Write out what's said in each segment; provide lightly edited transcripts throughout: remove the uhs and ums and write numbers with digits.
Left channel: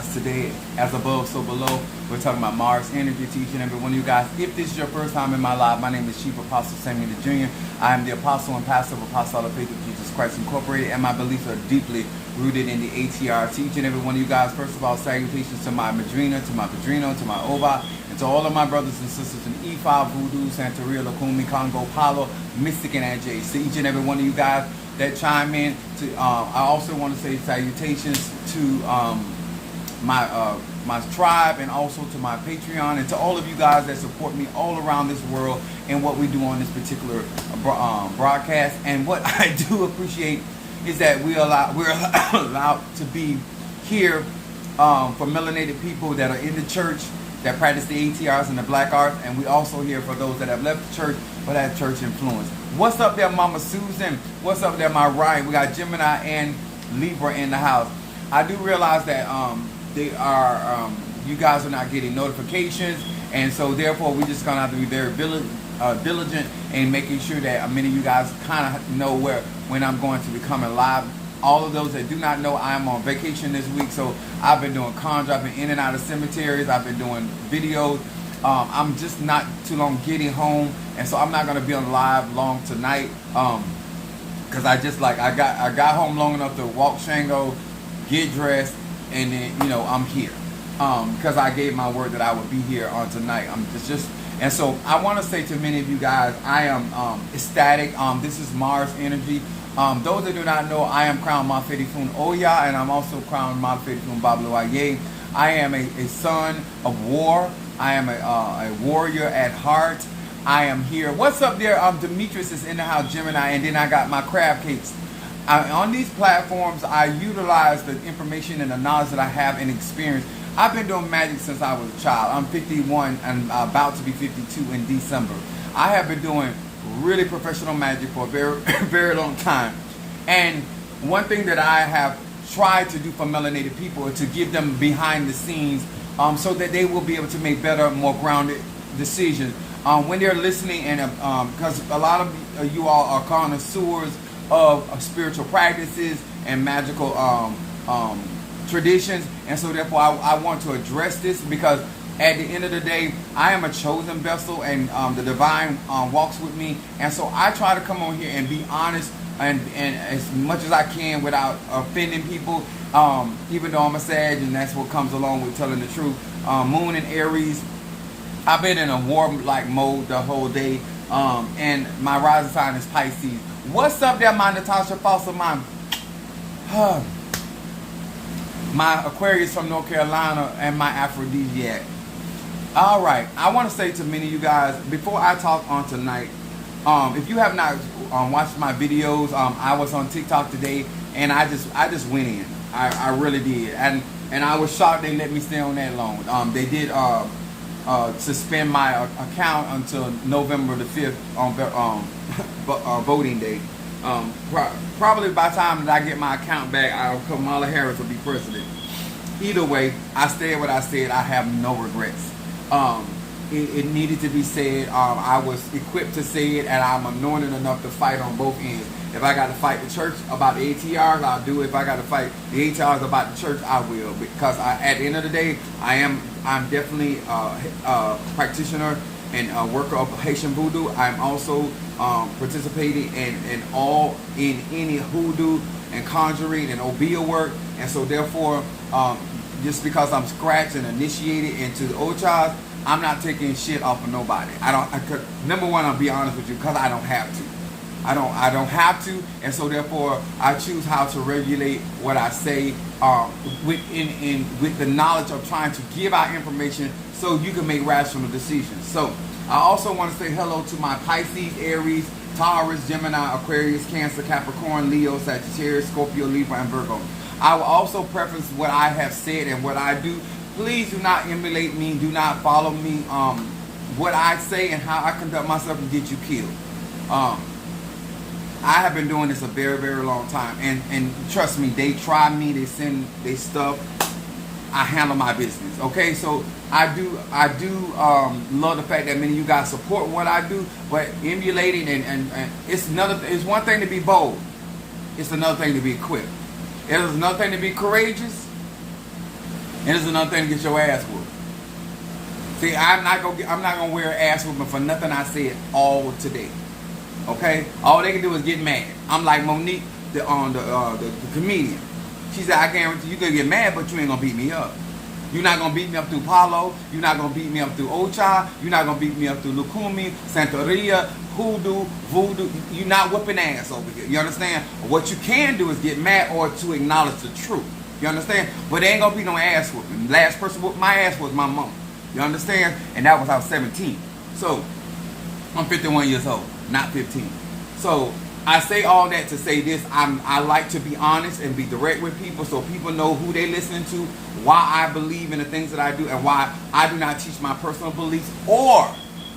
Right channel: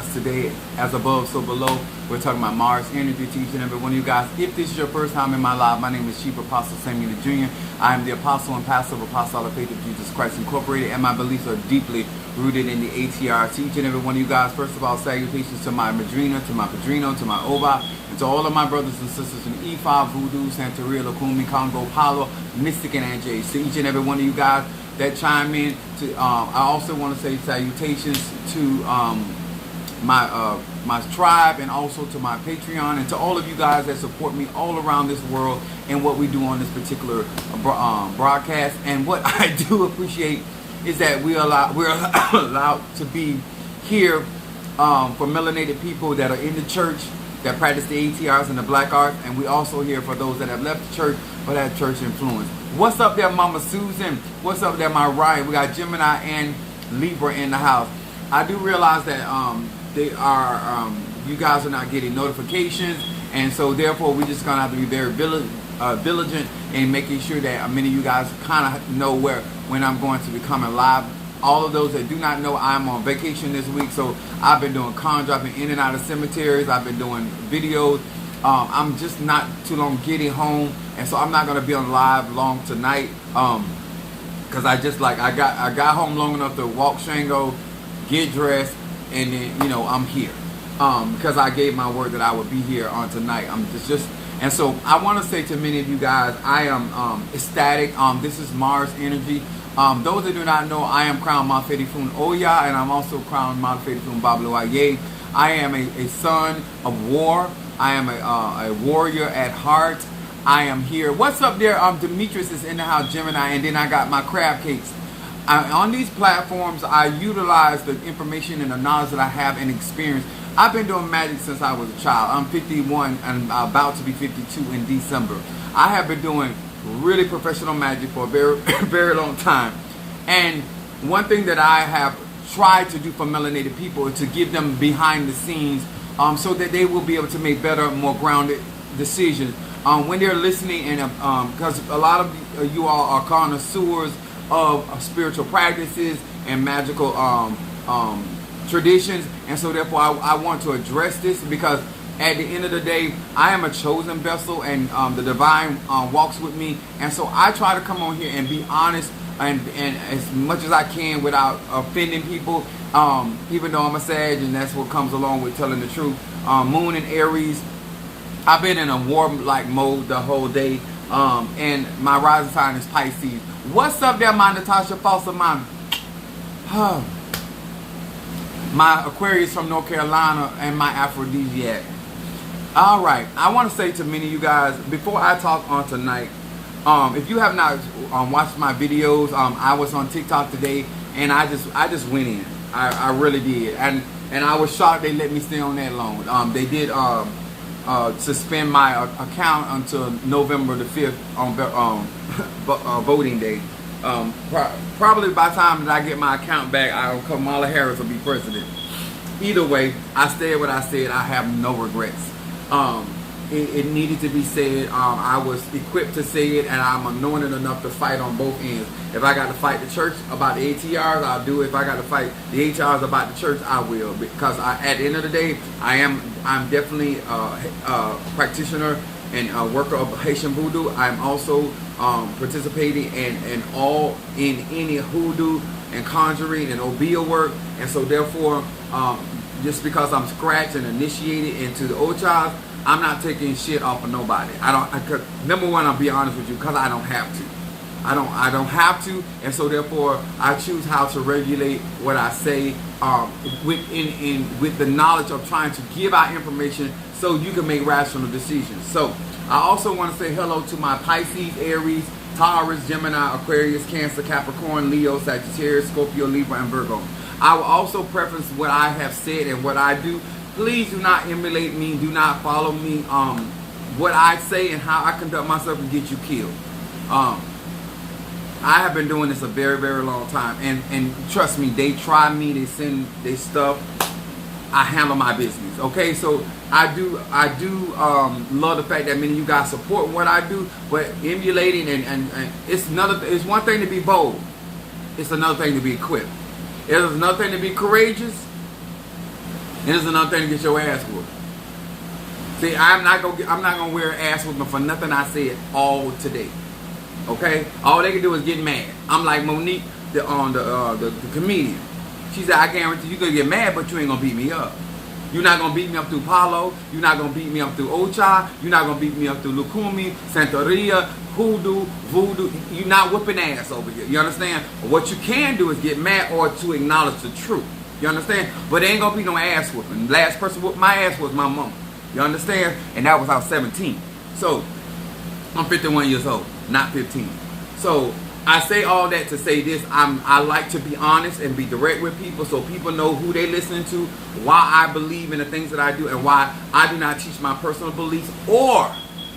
us today. As above, so below. We're talking about Mars energy to each and every one of you guys. If this is your first time in my life, my name is Chief Apostle Samuel Jr. I am the apostle and pastor of Apostolic Faith of Jesus Christ Incorporated, and my beliefs are deeply rooted in the ATRS. To each and every one of you guys, first of all, salutations to my Madrina, to my Padrino, to my Oba, and to all of my brothers and sisters in E5, Voodoo, Santeria, Lukumi, Congo, Palo, Mystic, and Anjay. To each and every one of you guys that chime in. I also want to say salutations to my tribe, and also to my Patreon, and to all of you guys that support me all around this world and what we do on this particular broadcast. And what I do appreciate is that we're allowed to be here for melanated people that are in the church, that practice the ATRS and the black arts, and we also here for those that have left the church but have church influence. What's up there, Mama Susan? What's up there, my Ryan? We got Gemini and Libra in the house. I do realize that they are you guys are not getting notifications, and so therefore we're just gonna have to be very diligent in making sure that many of you guys kind of know when I'm going to be coming live. All of those that do not know, I'm on vacation this week, so I've been doing conjure. I've been in and out of cemeteries. I've been doing videos. I'm just not too long getting home, and so I'm not gonna be on live long tonight. Cause I got home long enough to walk Shango, get dressed, and then I'm here. Because I gave my word that I would be here on tonight. And so I want to say to many of you guys, I am ecstatic. This is Mars energy. Those that do not know, I am Crown Mafedifun Oya, and I'm also Crown Mafedifun Bablo Aye. I am a son of war. I am a warrior at heart. I am here. What's up there? Demetrius is in the house, Gemini, and then I got my crab cakes. On these platforms, I utilize the information and the knowledge that I have and experience. I've been doing magic since I was a child. I'm 51 and about to be 52 in December. I have been doing really professional magic for a very, very long time. And one thing that I have tried to do for melanated people is to give them behind the scenes so that they will be able to make better, more grounded decisions when they're listening. And because a lot of you all are connoisseurs of spiritual practices and magical traditions, and so therefore I want to address this, because at the end of the day, I am a chosen vessel, and the divine walks with me, and so I try to come on here and be honest and as much as I can without offending people, even though I'm a Sag, and that's what comes along with telling the truth. Moon and Aries, I've been in a war-like mode the whole day, and my rising sign is Pisces. What's up there, my Natasha Foster, my Aquarius from North Carolina, and my Aphrodisiac. All right, I want to say to many of you guys, before I talk on tonight, if you have not watched my videos, I was on TikTok today, and I just went in. I really did, and I was shocked they let me stay on that long. They did suspend my account until November the 5th on voting day. Probably by the time that I get my account back, Kamala Harris will be president. Either way, I said what I said. I have no regrets. It needed to be said. I was equipped to say it, and I'm anointed enough to fight on both ends. If I got to fight the church about the ATRs, I'll do it. If I got to fight the ATRs about the church, I will. Because at the end of the day, I'm definitely a practitioner and a worker of Haitian Voodoo. I'm also participating in any hoodoo and conjuring and obia work, and so therefore, just because I'm scratched and initiated into the Ochas, I'm not taking shit off of nobody. Number one, I'll be honest with you, because I don't have to. I don't have to, and so therefore I choose how to regulate what I say with the knowledge of trying to give out information so you can make rational decisions. So I also want to say hello to my Pisces, Aries, Taurus, Gemini, Aquarius, Cancer, Capricorn, Leo, Sagittarius, Scorpio, Libra, and Virgo. I will also preface what I have said and what I do. Please do not emulate me. Do not follow me. What I say and how I conduct myself will get you killed. I have been doing this a very, very long time, and trust me, they try me, they send their stuff. I handle my business. Okay, so I do love the fact that many of you guys support what I do, but emulating and it's one thing to be bold. It's another thing to be equipped. It is another thing to be courageous, and And it's another thing to get your ass whooped. See, I'm not gonna wear ass whooping for nothing I said all today. Okay? All they can do is get mad. I'm like Monique, the comedian. She said, I guarantee you can get mad, but you ain't gonna beat me up. You're not gonna beat me up through Palo. You're not gonna beat me up through Ocha. You're not gonna beat me up through Lukumi, Santeria, Hoodoo, Voodoo. You're not whipping ass over here. You understand? What you can do is get mad or to acknowledge the truth. You understand? But there ain't gonna be no ass whooping. The last person whooped my ass was my mama. You understand? And that was I was 17. So I'm 51 years old, not 15. So I say all that to say this. I like to be honest and be direct with people so people know who they listen to, why I believe in the things that I do, and why I do not teach my personal beliefs or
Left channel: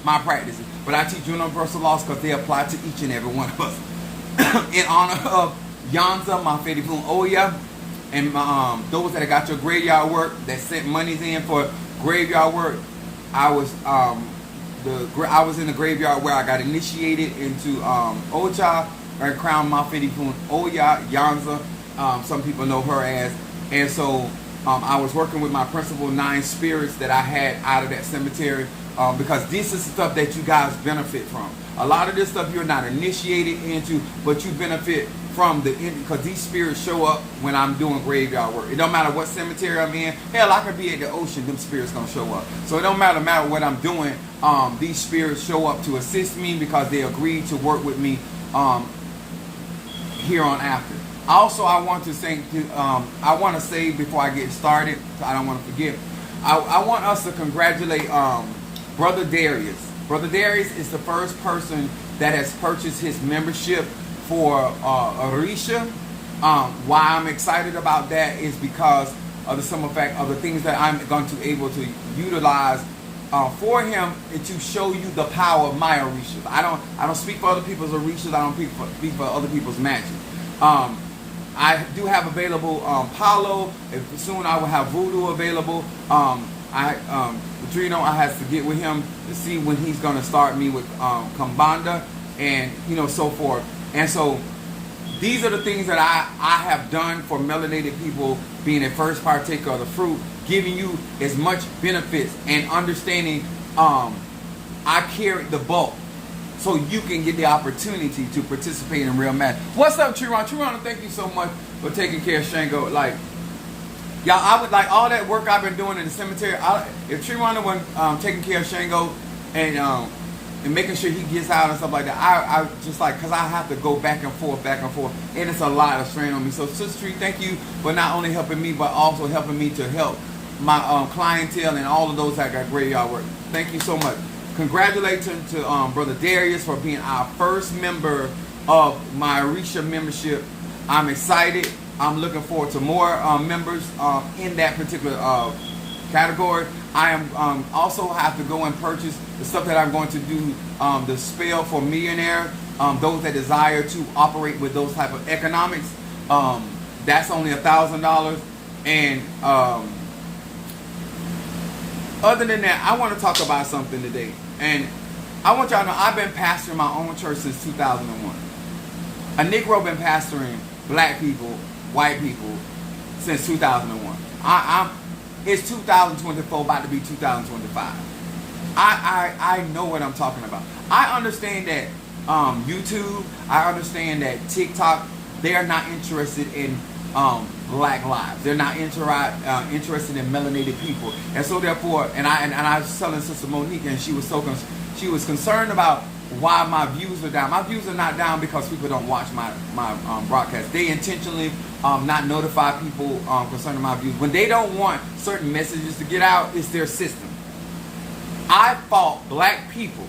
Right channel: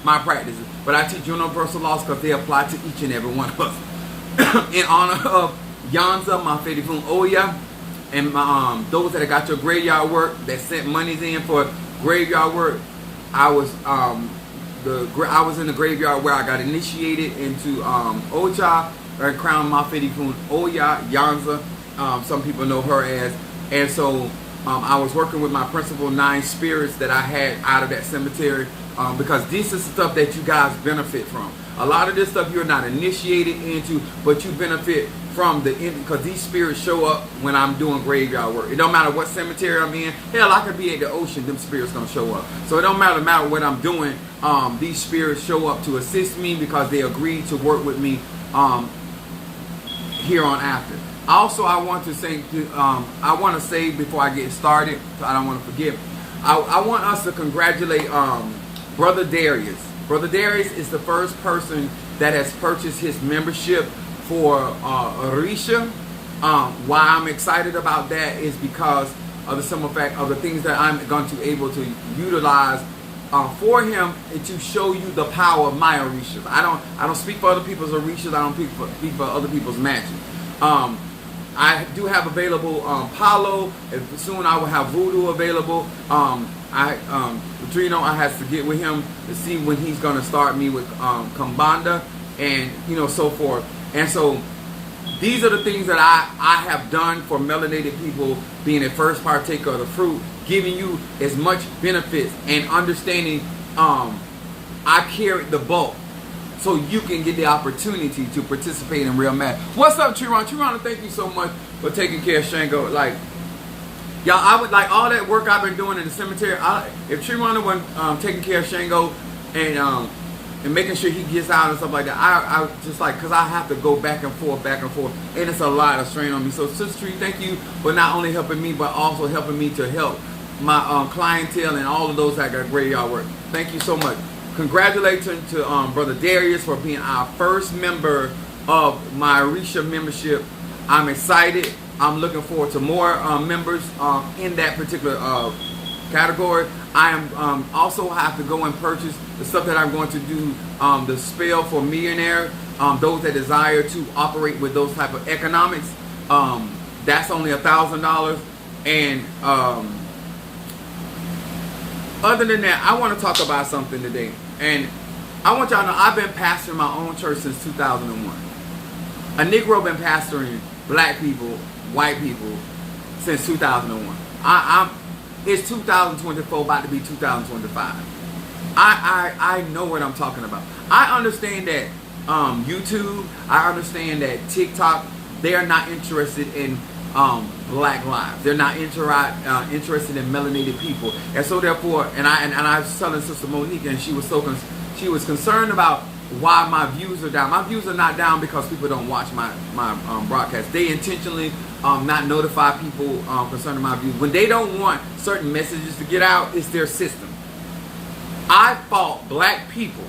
my practices. But I teach universal laws because they apply to each and every one of us. In honor of Yanza, my Fedifun Oya, and those that got your graveyard work, that sent monies in for graveyard work, I was in the graveyard where I got initiated into Ocha, or Crown Mafedi Fun Oya Yanza. Some people know her as. And so I was working with my principal 9 spirits that I had out of that cemetery because this is stuff that you guys benefit from. A lot of this stuff you're not initiated into, but you benefit from because these spirits show up when I'm doing graveyard work. It don't matter what cemetery I'm in. Hell, I could be at the ocean, them spirits gonna show up. So it don't matter what I'm doing. These spirits show up to assist me because they agreed to work with me here on after. Also, I want to say before I get started, I don't want to forget. I want us to congratulate Brother Darius. Brother Darius is the first person that has purchased his membership for Orisha. Why I'm excited about that is because of the simple fact of the things that I'm going to be able to utilize for him and to show you the power of my Orishas. I don't speak for other people's Orishas. I don't speak for other people's magic. I do have available Palo. Soon I will have Voodoo available. Pedrino, I have to get with him to see when he's going to start me with Kambanda and so forth. And so these are the things that I have done for melanated people, being a first partaker of the fruit, giving you as much benefits and understanding I carry the bulk so you can get the opportunity to participate in real math. What's up, Chiron? Chiron, thank you so much for taking care of Shango. Like, y'all, I would like all that work I've been doing in the cemetery. If Chiron wasn't taking care of Shango and making sure he gets out and stuff like that, I just like, because I have to go back and forth, and it's a lot of strain on me. So, Sister Tree, thank you for not only helping me, but also helping me to help my clientele and all of those that got graveyard work. Thank you so much. Congratulations to Brother Darius for being our first member of my Orisha membership. I'm excited. I'm looking forward to more members in that particular category. I am also have to go and purchase the stuff that I'm going to do, the spell for millionaire, those that desire to operate with those type of economics. That's only $1,000. And other than that, I want to talk about something today. And I want y'all to know I've been pastoring my own church since 2001. A Negro been pastoring black people, white people since 2001. It's 2024, about to be 2025. I know what I'm talking about. I understand that YouTube, I understand that TikTok, they are not interested in black lives. They're not interested in melanated people. And so therefore, and I was telling Sister Monique, and she was concerned about why my views are down. My views are not down because people don't watch my broadcast. They intentionally not notify people concerning my views. When they don't want certain messages to get out, it's their system. I fault black people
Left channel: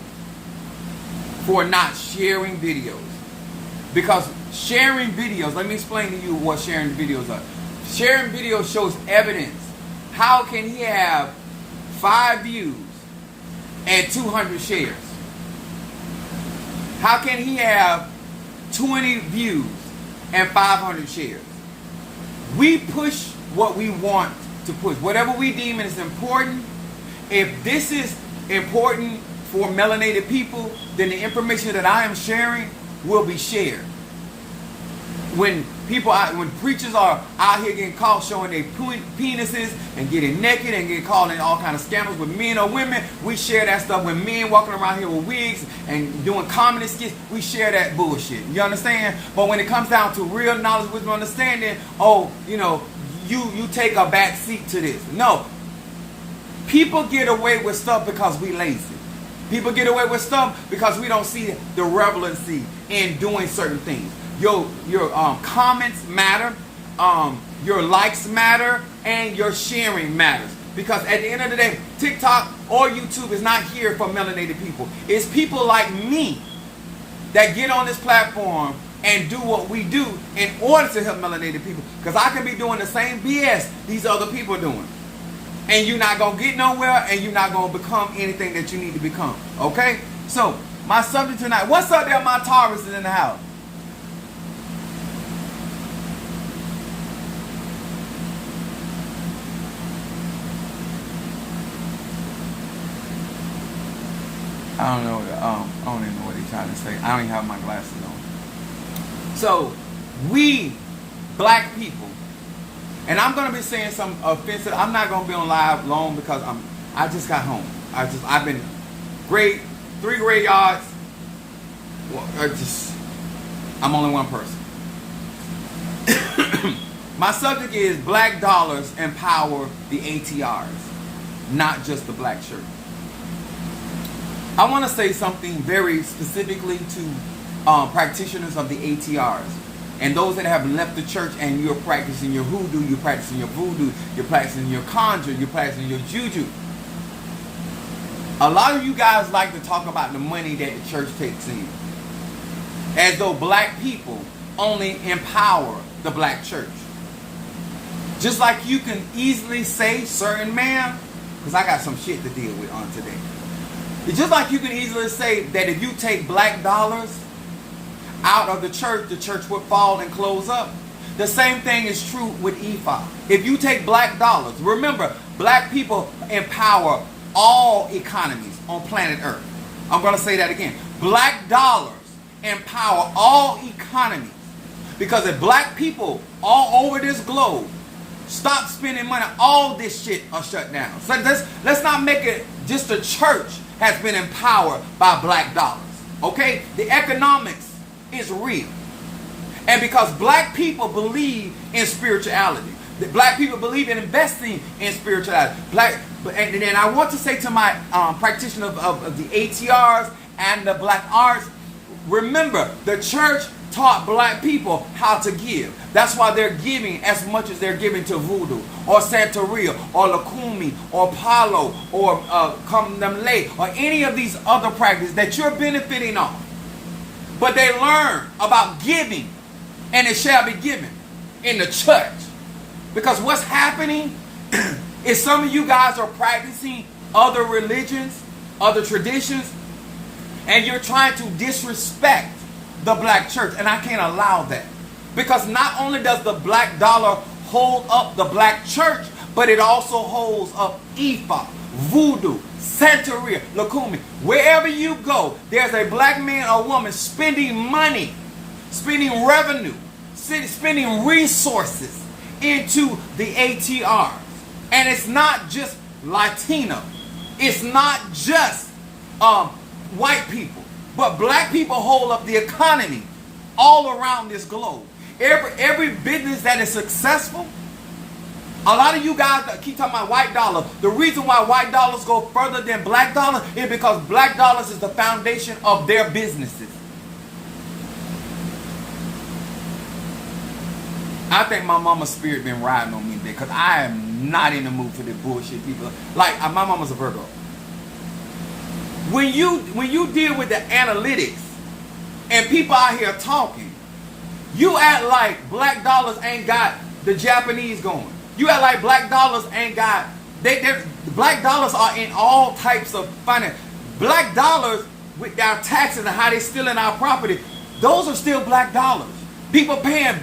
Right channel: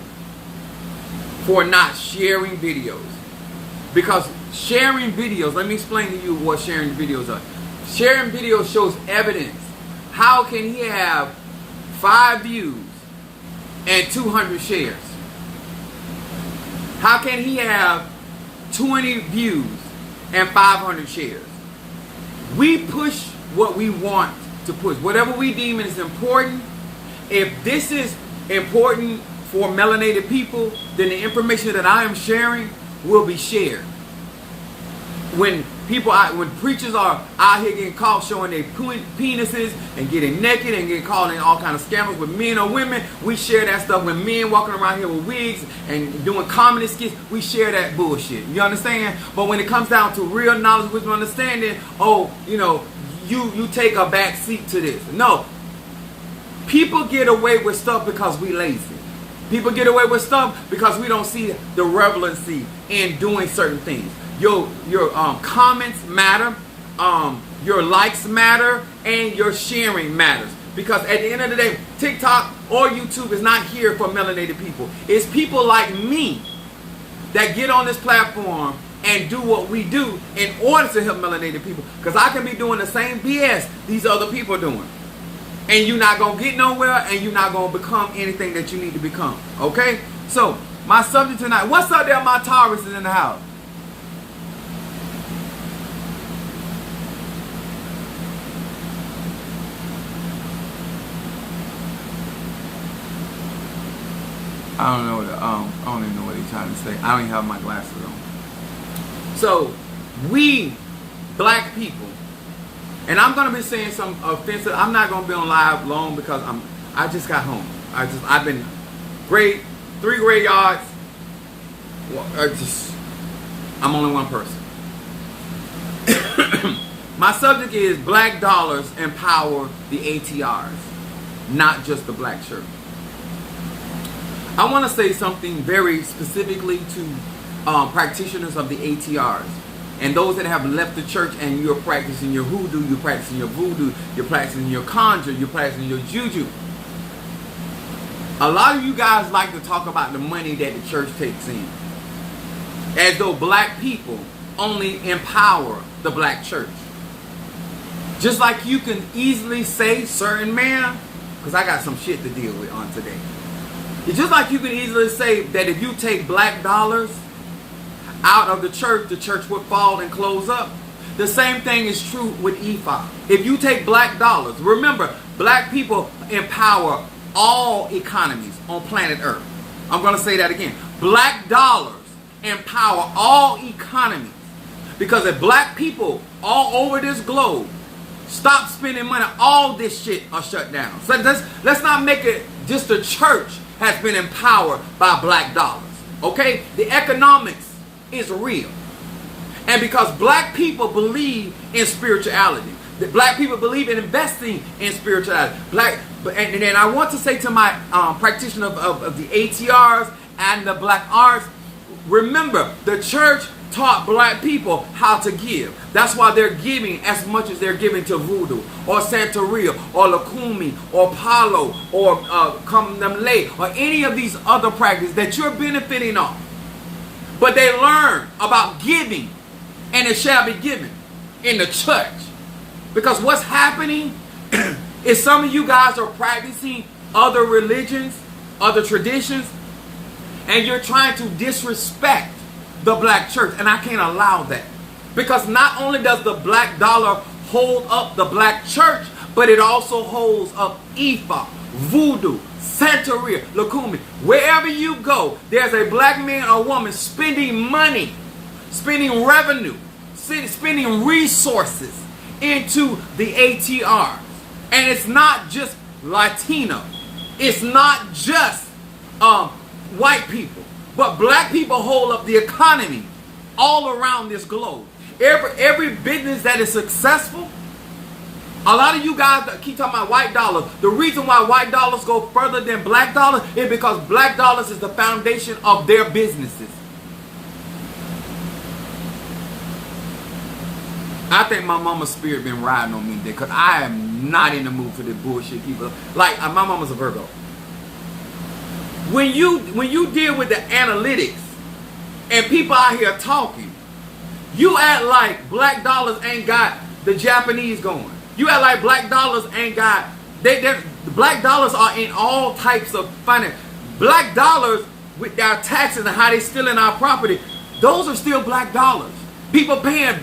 for not sharing videos. Because sharing videos, let me explain to you what sharing videos are. Sharing videos shows evidence. How can he have 5 views and 200 shares? How can he have 20 views and 500 shares? We push what we want to push. Whatever we deem is important. If this is important for melanated people, then the information that I am sharing will be shared. When People out, when preachers are out here getting caught showing their penises and getting naked and getting caught in all kind of scandals with men or women, we share that stuff. When men walking around here with wigs and doing comedy skits, we share that bullshit. You understand? But when it comes down to real knowledge, wisdom, understanding, oh, you know, you take a back seat to this. No. People get away with stuff because we lazy. People get away with stuff because we don't see the relevancy in doing certain things. Your comments matter, your likes matter, and your sharing matters. Because at the end of the day, TikTok or YouTube is not here for melanated people. It's people like me that get on this platform and do what we do in order to help melanated people. Because I can be doing the same BS these other people are doing. And you're not going to get nowhere, and you're not going to become anything that you need to become. Okay? So, my subject tonight. What's up there, my ATRS is in the house? I don't know. I don't even know what he's trying to say. I don't even have my glasses on. So, we, black people, and I'm gonna be saying some offensive. I'm not gonna be on live long because I just got home. I've been 3 graveyards. Well, I'm only one person. My subject is black dollars empower the ATRS, not just the black church. I want to say something very specifically to practitioners of the ATRS. And those that have left the church and you're practicing your hoodoo, you're practicing your voodoo, you're practicing your conjure, you're practicing your juju. A lot of you guys like to talk about the money that the church takes in. As though black people only empower the black church. Just like you can easily say, certain man, because I got some shit to deal with on today. It's just like you can easily say that if you take black dollars out of the church would fall and close up. The same thing is true with EFA. If you take black dollars, remember, black people empower all economies on planet Earth. I'm going to say that again. Black dollars empower all economies. Because if black people all over this globe stop spending money, all this shit are shut down. So let's not make it just the church has been empowered by black dollars. Okay? The economics is real. And because black people believe in spirituality, the black people believe in investing in spirituality. And then I want to say to my practitioner of the ATRs and the black arts, remember, the church taught black people how to give. That's why they're giving as much as they're giving to voodoo or Santeria or Lakumi or Palo or Kamnamle or any of these other practices that you're benefiting on. But they learn about giving, and it shall be given in the church. Because what's happening is some of you guys are practicing other religions, other traditions, and you're trying to disrespect the black church. And I can't allow that. Because not only does the black dollar hold up the black church, but it also holds up Ifa, voodoo, Santeria, Lakumi. Wherever you go, there's a black man or woman spending money, spending revenue, spending resources into the ATRs. And it's not just Latino. It's not just white people. But black people hold up the economy all around this globe. Every business that is successful, a lot of you guys that keep talking about white dollar. The reason why white dollars go further than black dollars is because black dollars is the foundation of their businesses. I think my mama's spirit been riding on me today because I am not in the mood for the bullshit people. Like, my mama's a Virgo. When you deal with the analytics and people out here talking, you act like black dollars ain't got the Japanese going. You act like black dollars ain't got, the black dollars are in all types of finance. Black dollars with their taxes and how they stealing our property, those are still black dollars. People paying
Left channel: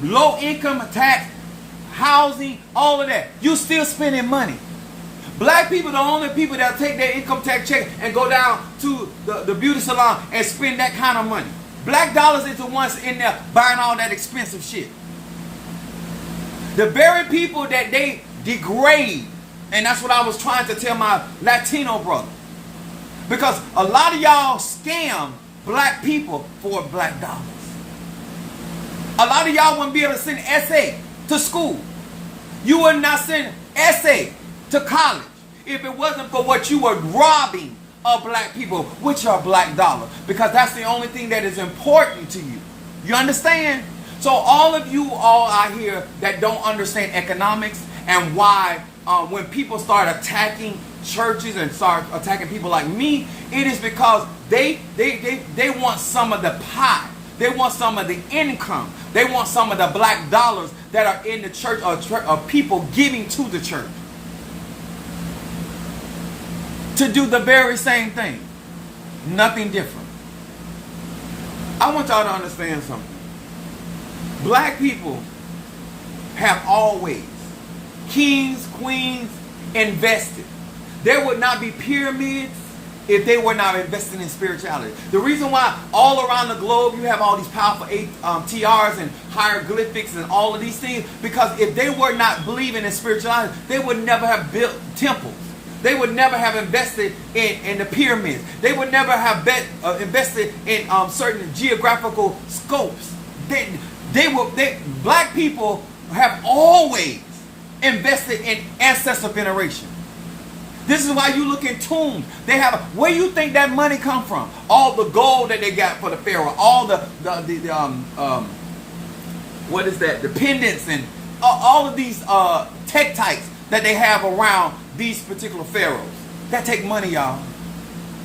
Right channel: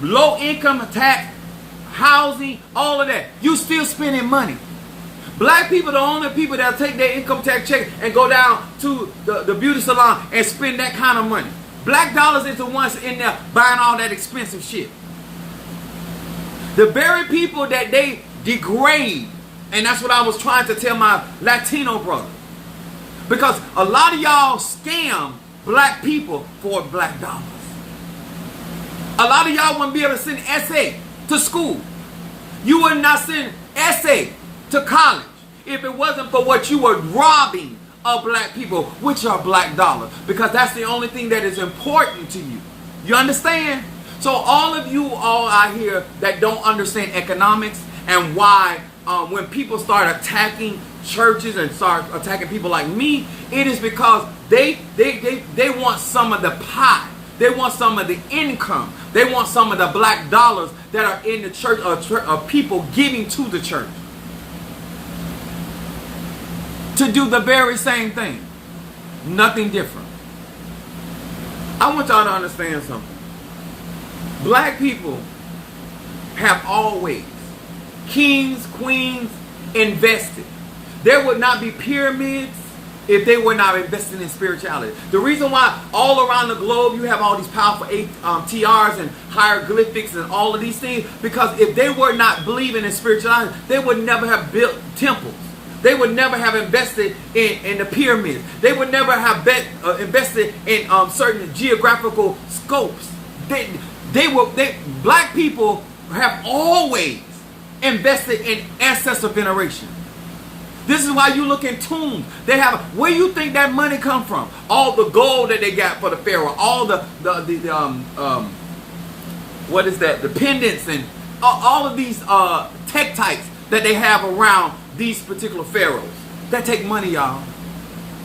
low income tax, housing, all of that. You still spending money. Black people are the only people that take their income tax check and go down to the beauty salon and spend that kind of money. Black dollars is the ones in there buying all that expensive shit. The very people that they degrade. And that's what I was trying to tell my Latino brother. Because a lot of y'all scam black people for black dollars. A lot of y'all wouldn't be able to send essay to school. You would not send essay to college if it wasn't for what you were robbing of black people, which are black dollars. Because that's the only thing that is important to you. You understand? So all of you all out here that don't understand economics and why when people start attacking churches and start attacking people like me, it is because they want some of the pie. They want some of the income. They want some of the black dollars that are in the church or people giving to the church to do the very same thing. Nothing different. I want y'all to understand something. Black people have always, kings, queens, invested. There would not be pyramids if they were not investing in spirituality. The reason why all around the globe you have all these powerful ATRS and hieroglyphics and all of these things, because if they were not believing in spirituality, they would never have built temples. They would never have invested in the pyramids. They would never have invested in certain geographical scopes. Black people have always invested in ancestor veneration. This is why you look in tombs. They have where you think that money come from? All the gold that they got for the pharaoh, all the what is that? The pendants and all of these tektites that they have around these particular pharaohs. That take money, y'all.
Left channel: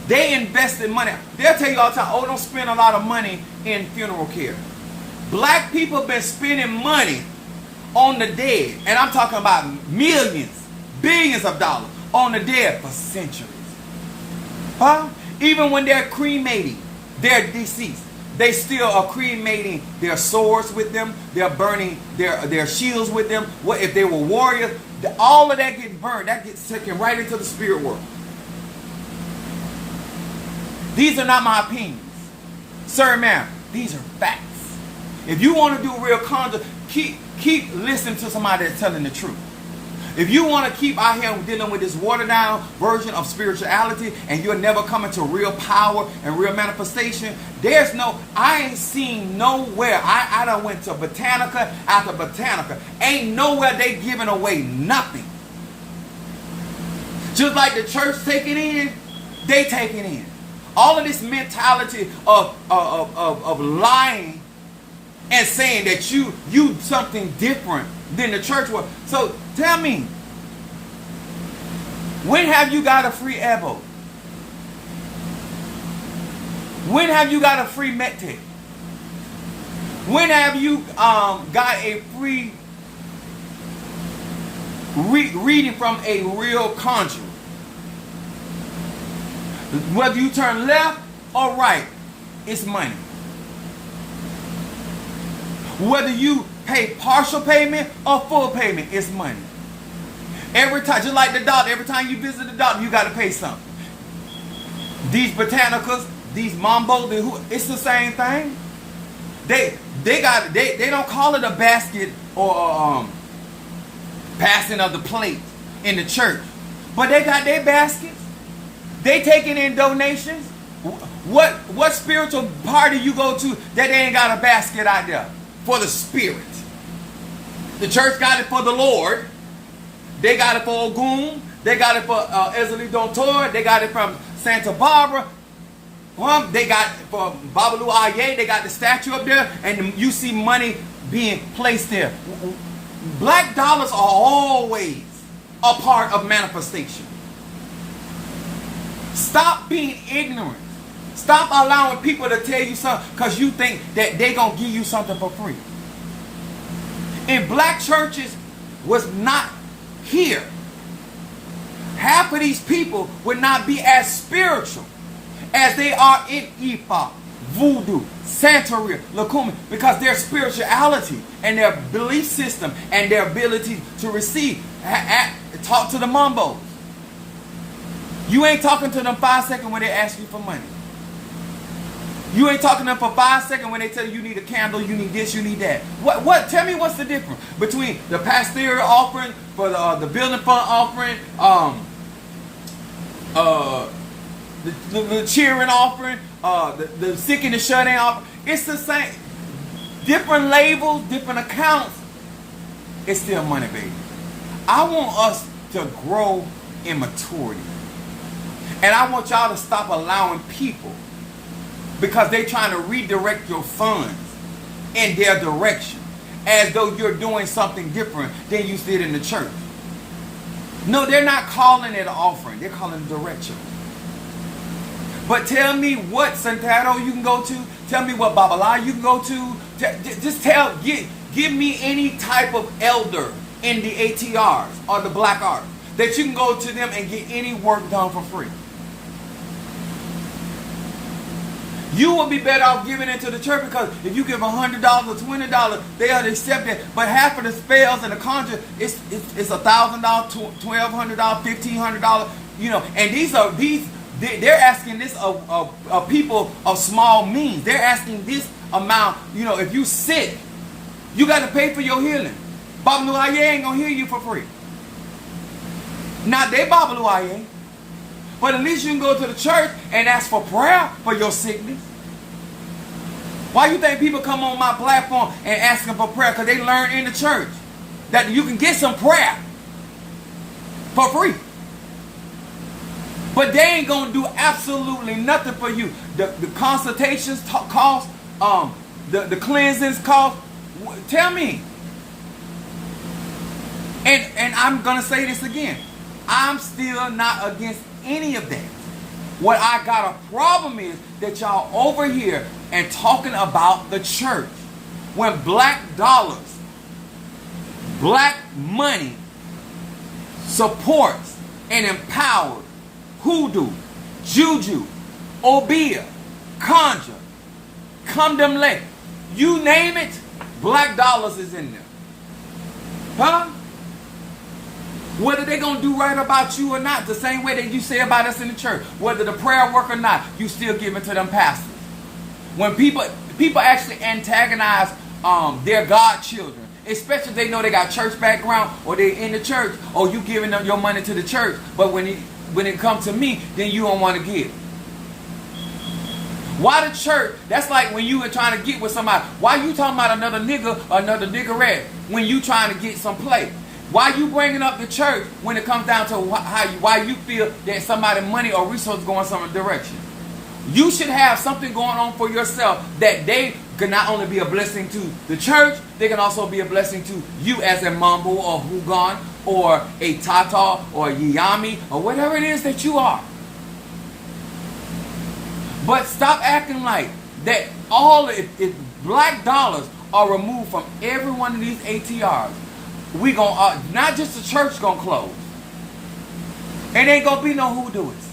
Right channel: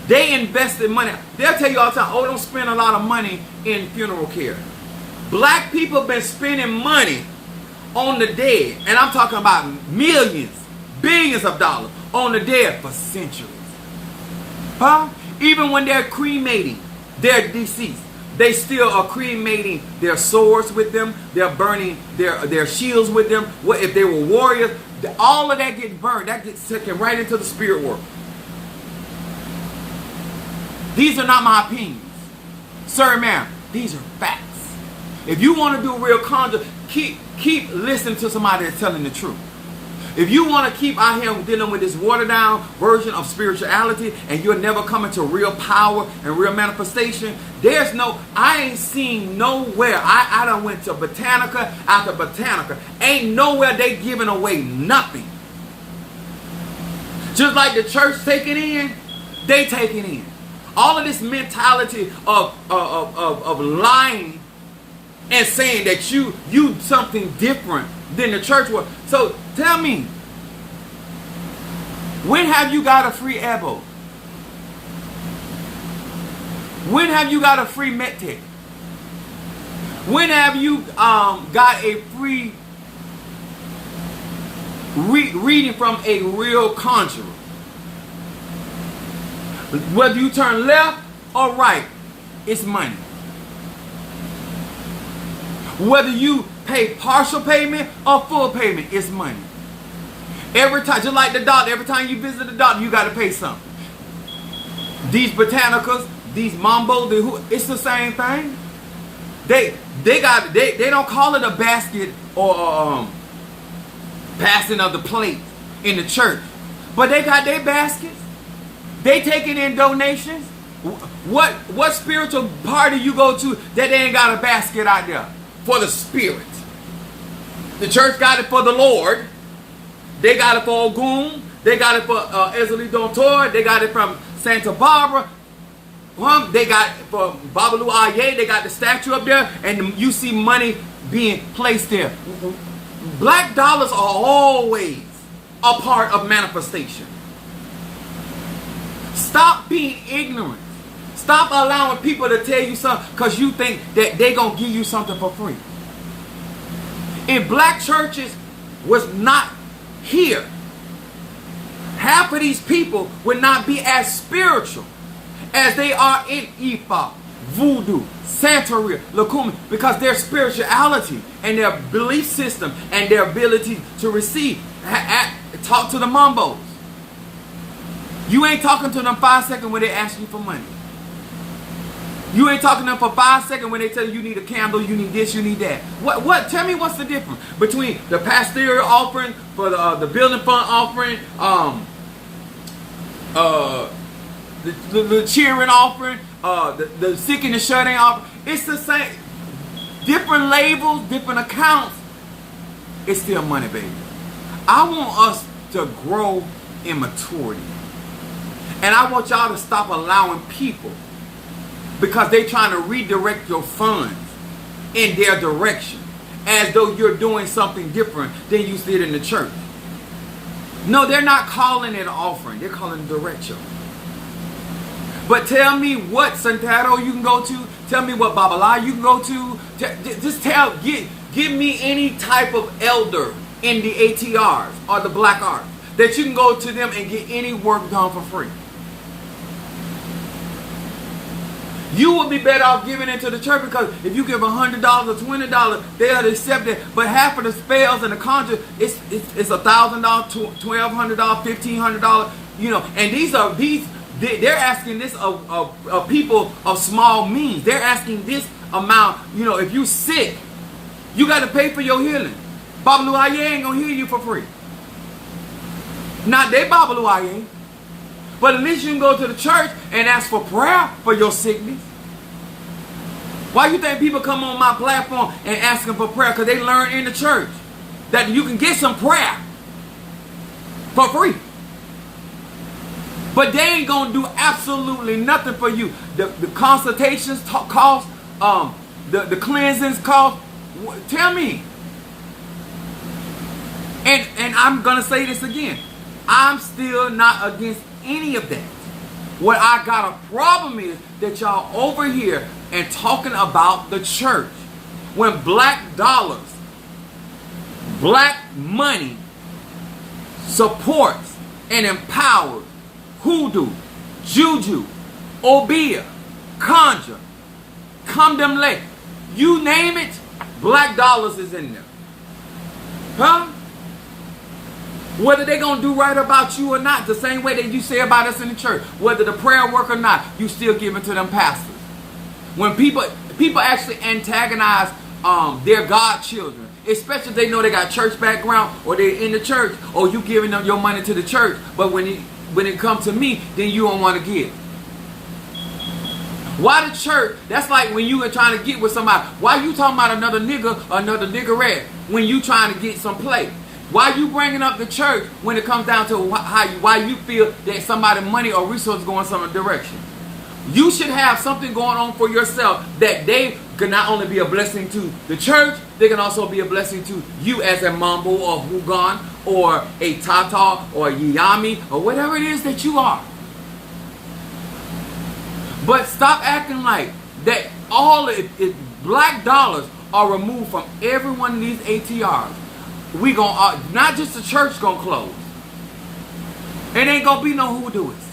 They invested money. They'll tell you all the time, oh, don't spend a lot of money in funeral care. Black people have been spending money on the dead, and I'm talking about millions, billions of dollars on the dead for centuries. Huh? Even when they're cremating their deceased, they still are cremating their swords with them. They're burning their shields with them. What if they were warriors? All of that gets burned. That gets taken right into the spirit world. These are not my opinions. Sir, ma'am, these are facts. If you want to do real conjure, keep listening to somebody that's telling the truth. If you want to keep out here dealing with this watered down version of spirituality and you're never coming to real power and real manifestation, I ain't seen nowhere. I done went to Botanica after Botanica. Ain't nowhere they giving away nothing. Just like the church take it in, they take it in. All of this mentality of lying and saying that you something different than the church was. So tell me, when have you got a free Evo? When have you got a free Medtech? When have you got a free reading from a real conjurer? Whether you turn left or right, it's money. Whether you pay partial payment or full payment, it's money. Every time, just like the doctor, every time you visit the doctor, you got to pay something. These botanicals, these mambo, it's the same thing. They don't call it a basket or passing of the plate in the church, but they got their baskets. They taking in donations. What spiritual party you go to that they ain't got a basket out there for the spirit? The church got it for the Lord. They got it for Ogun. They got it for Ezeli Dontor. They got it from Santa Barbara. They got it for Babalu Aye. They got the statue up there, and you see money being placed there. Black dollars are always a part of manifestation. Stop being ignorant. Stop allowing people to tell you something because you think that they're going to give you something for free. If black churches was not here, half of these people would not be as spiritual as they are in Ifa, Voodoo, Santeria, Lakumi, because their spirituality and their belief system and their ability to receive. Talk to the Mambos. You ain't talking to them 5 seconds when they ask you for money. You ain't talking to them for 5 seconds when they tell you need a candle, you need this, you need that. What? Tell me what's the difference between the pastoral offering for the building fund offering, the cheering offering, the sick and the shut-in offering. It's the same. Different labels, different accounts. It's still money, baby. I want us to grow in maturity. And I want y'all to stop allowing people, because they're trying to redirect your funds in their direction, as though you're doing something different than you did in the church. No, they're not calling it an offering. They're calling it direction. But tell me what Santaro you can go to. Tell me what Babala you can go to. Just give me any type of elder in the ATRS or the Black Arts that you can go to them and get any work done for free. You will be better off giving it to the church, because if you give $100 or $20, they'll accept it. But half of the spells and the conjure, it's $1,000, $1,200, $1,500. You know, and they're asking this of people of small means. They're asking this amount. You know, if you sick, you got to pay for your healing. Babalu ain't gonna heal you for free. Not they Babalu. But at least you can go to the church and ask for prayer for your sickness. Why you think people come on my platform and asking for prayer? Because they learn in the church that you can get some prayer for free. But they ain't going to do absolutely nothing for you. The consultations cost, the cleansings cost. Tell me. And I'm going to say this again. I'm still not against any of that. What I got a problem is that y'all over here and talking about the church, when black dollars, black money supports and empowers hoodoo, juju, obia, conjure, condemnate, you name it, black dollars is in there. Huh? Whether they're going to do right about you or not, the same way that you say about us in the church, whether the prayer work or not, you still give it to them pastors. When people actually antagonize their godchildren, especially if they know they got church background or they're in the church, or you giving them your money to the church, but when it comes to me, then you don't want to give. Why the church? That's like when you were trying to get with somebody. Why you talking about another nigga or another niggerette when you trying to get some play? Why you bringing up the church when it comes down to why you feel that somebody's money or resources going some direction? You should have something going on for yourself that they can not only be a blessing to the church, they can also be a blessing to you as a Mambo or Hugon or a Tata or a Yami or whatever it is that you are. But stop acting like that if black dollars are removed from every one of these ATRs, we gonna not just the church gonna close. And ain't gonna be no hoodooists.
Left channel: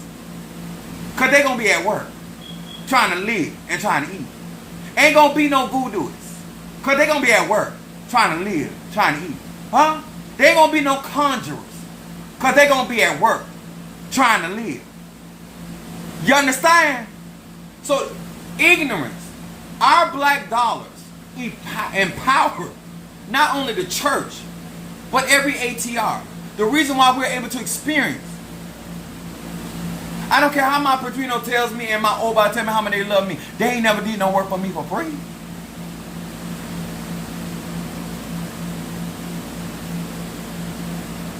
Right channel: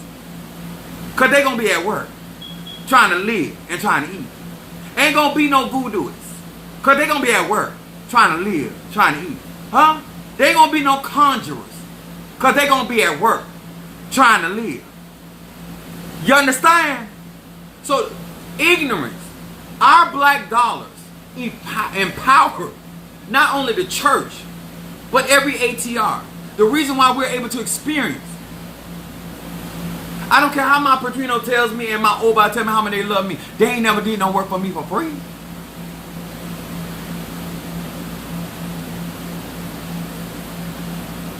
Cause they gonna be at work, trying to live and trying to eat. Ain't gonna be no voodooists. Cause they gonna be at work, trying to live, trying to eat. Huh? They ain't gonna be no conjurers. Cause they gonna be at work, trying to live. You understand? So ignorance, our black dollars empower not only the church, but every ATR. The reason why we're able to experience. I don't care how my Petrino tells me and my Oba tell me how much they love me. They ain't never did no work for me for free.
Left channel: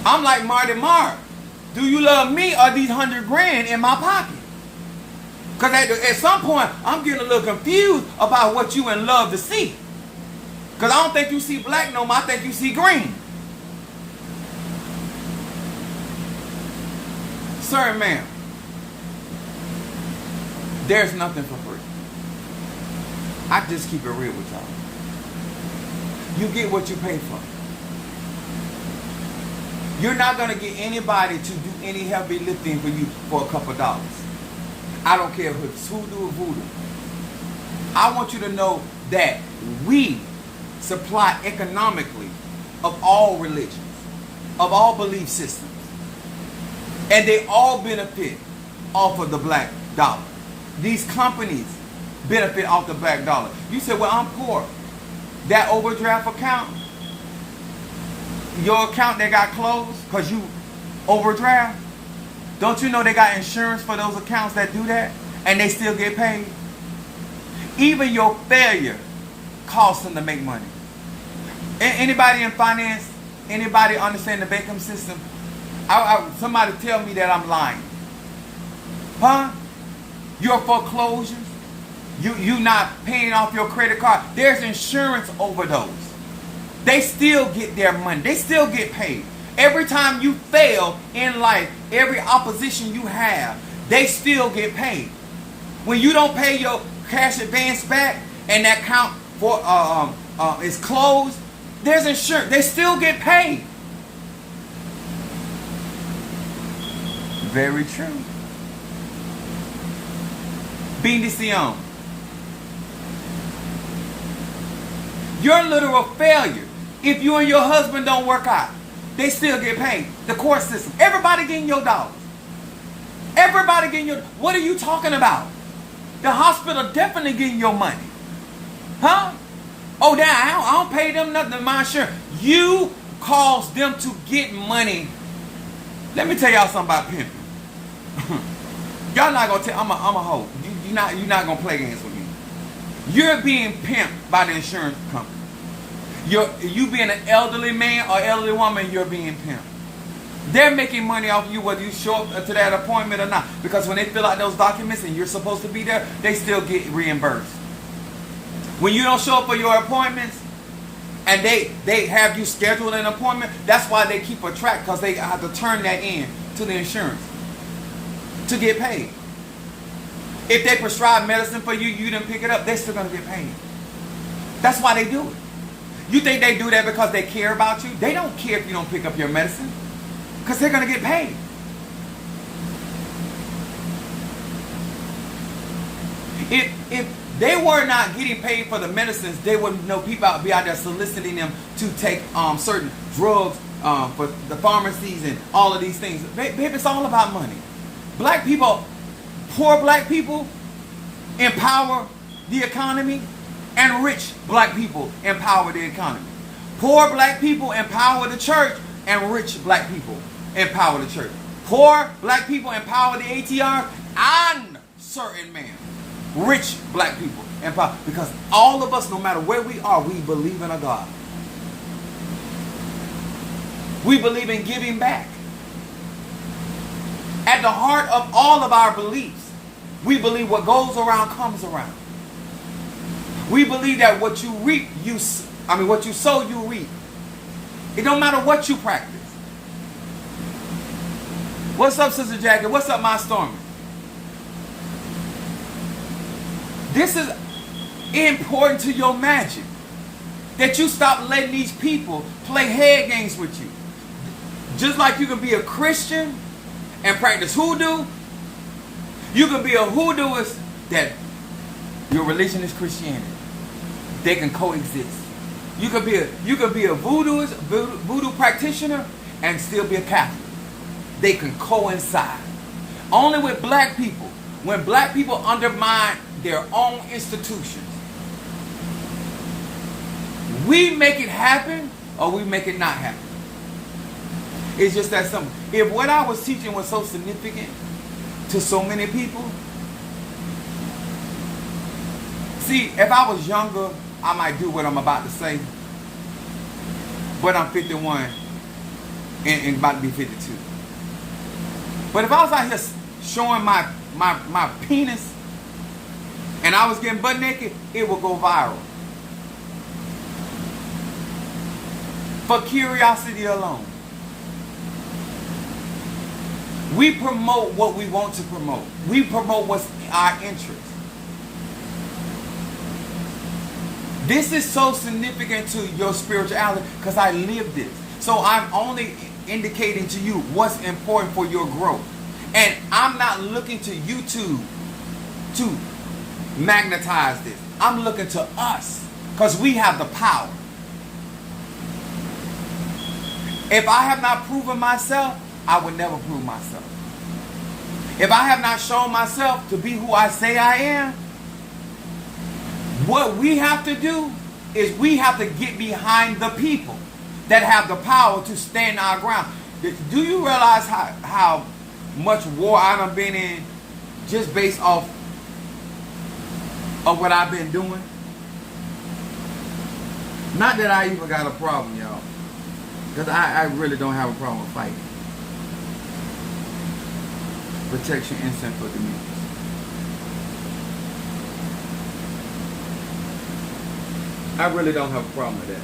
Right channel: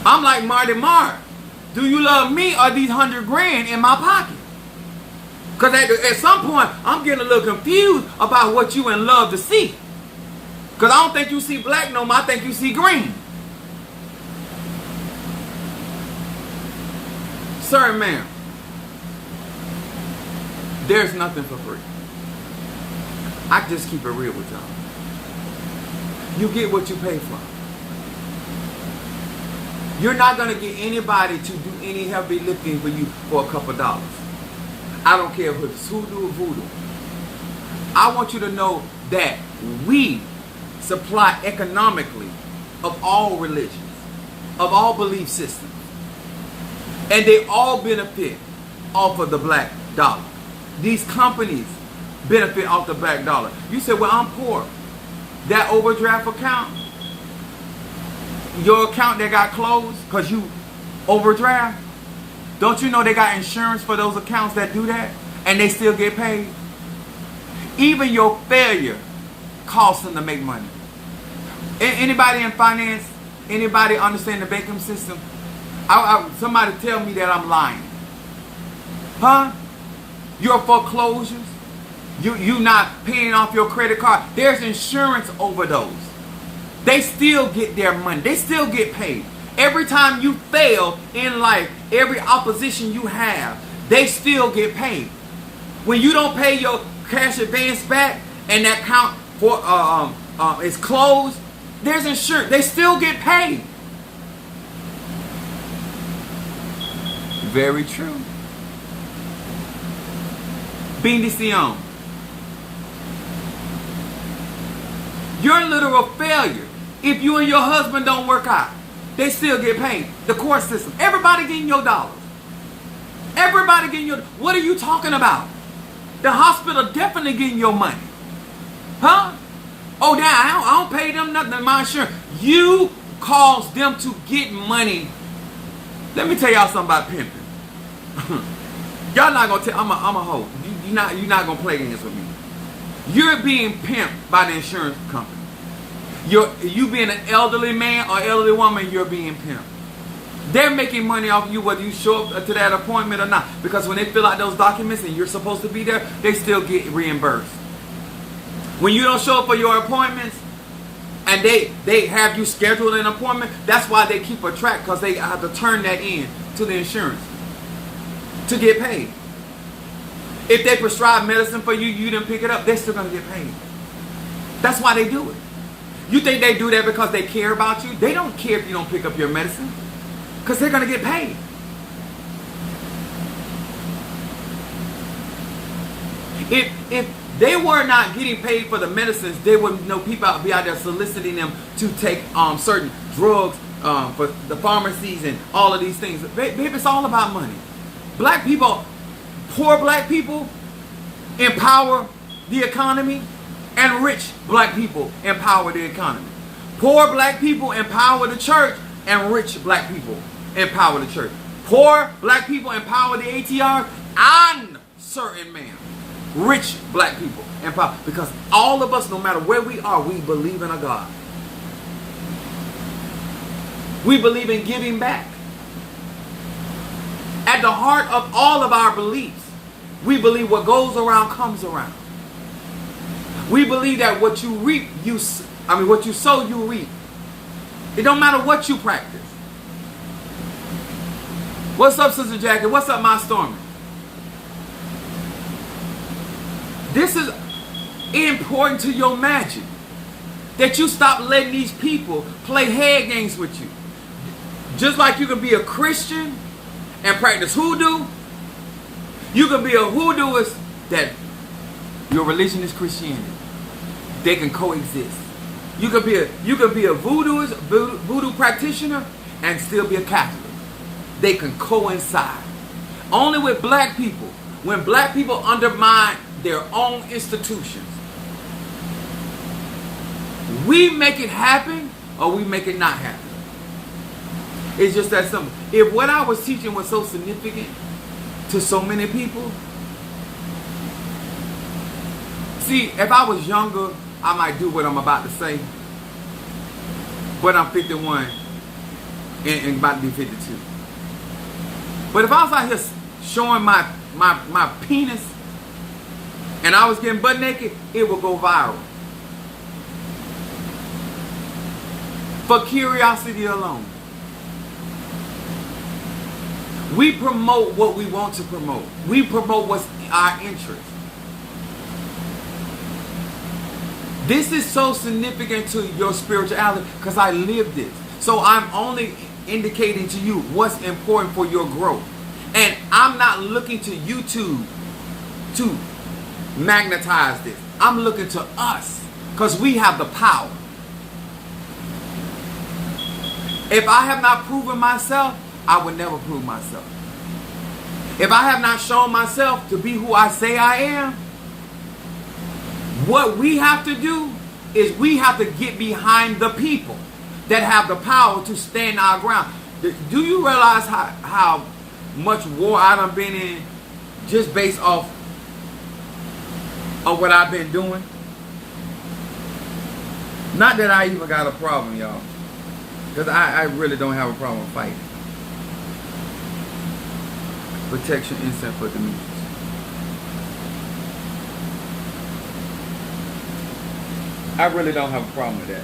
I'm like Marty Mark. Do you love me or these 100 grand in my pocket? Because at some point, I'm getting a little confused about what you in love to see. Because I don't think you see black no more. I think you see green. Sir, ma'am, there's nothing for free. I just keep it real with y'all. You get what you pay for. You're not going to get anybody to do any heavy lifting for you for a couple dollars. I don't care if it's hoodoo or voodoo. I want you to know that we supply economically of all religions, of all belief systems. And they all benefit off of the black dollar. These companies benefit off the back dollar. You say, well, I'm poor. That overdraft account, your account that got closed because you overdraft, don't you know they got insurance for those accounts that do that? And they still get paid? Even your failure costs them to make money. Anybody in finance, anybody understand the banking system? Somebody tell me that I'm lying. Huh? Your foreclosures, you not paying off your credit card. There's insurance over those. They still get their money. They still get paid. Every time you fail in life, every opposition you have, they still get paid. When you don't pay your cash advance back and that account for is closed, there's insurance. They still get paid. Very true. Bendición. Your literal failure, if you and your husband don't work out, they still get paid. The court system. Everybody getting your dollars. Everybody getting your... What are you talking about? The hospital definitely getting your money. Huh? Oh, I don't pay them nothing. My insurance. You cause them to get money. Let me tell y'all something about pimping. Y'all not gonna tell. I'm a hoe. You're not gonna play games with me. You're being pimped by the insurance company. You being an elderly man or elderly woman, you're being pimped. They're making money off you whether you show up to that appointment or not. Because when they fill out those documents and you're supposed to be there, they still get reimbursed. When you don't show up for your appointments and they have you schedule an appointment, that's why they keep a track, because they have to turn that in to the insurance to get paid. If they prescribe medicine for you, you didn't pick it up, they're still going to get paid. That's why they do it. You think they do that because they care about you? They don't care if you don't pick up your medicine, because they're going to get paid. If they were not getting paid for the medicines, they wouldn't know people be out there soliciting them to take certain drugs for the pharmacies and all of these things. Baby, it's all about money. Black people, poor black people empower the economy, and rich black people empower the economy. Poor black people empower the church, and rich black people empower the church. Poor black people empower the ATRS and certain man. Rich black people empower, because all of us, no matter where we are, we believe in a God. We believe in giving back. At the heart of all of our beliefs, we believe what goes around comes around. We believe that what you reap, what you sow, you reap. It don't matter what you practice. What's up, Sister Jackie? What's up, my Stormy? This is important to your magic. That you stop letting these people play head games with you. Just like you can be a Christian and practice hoodoo, you can be a hoodooist that your religion is Christianity. They can coexist. You could be a voodoo practitioner and still be a Catholic. They can coincide. Only with black people, when black people undermine their own institutions, we make it happen or we make it not happen. It's just that simple. If what I was teaching was so significant to so many people, see, if I was younger, I might do what I'm about to say. But I'm 51 and about to be 52. But if I was out here showing my penis and I was getting butt naked, it would go viral. For curiosity alone. We promote what we want to promote. We promote what's our interest. This is so significant to your spirituality because I live this. So I'm only indicating to you what's important for your growth. And I'm not looking to YouTube to magnetize this. I'm looking to us because we have the power. If I have not proven myself, I would never prove myself. If I have not shown myself to be who I say I am, What we have to do is we have to get behind the people that have the power to stand our ground. Do you realize how much war I done been in just based off of what I've been doing? Not that I even got a problem, y'all. Because I really don't have a problem with fighting. Protection instant for the meat. I really don't have a problem with that.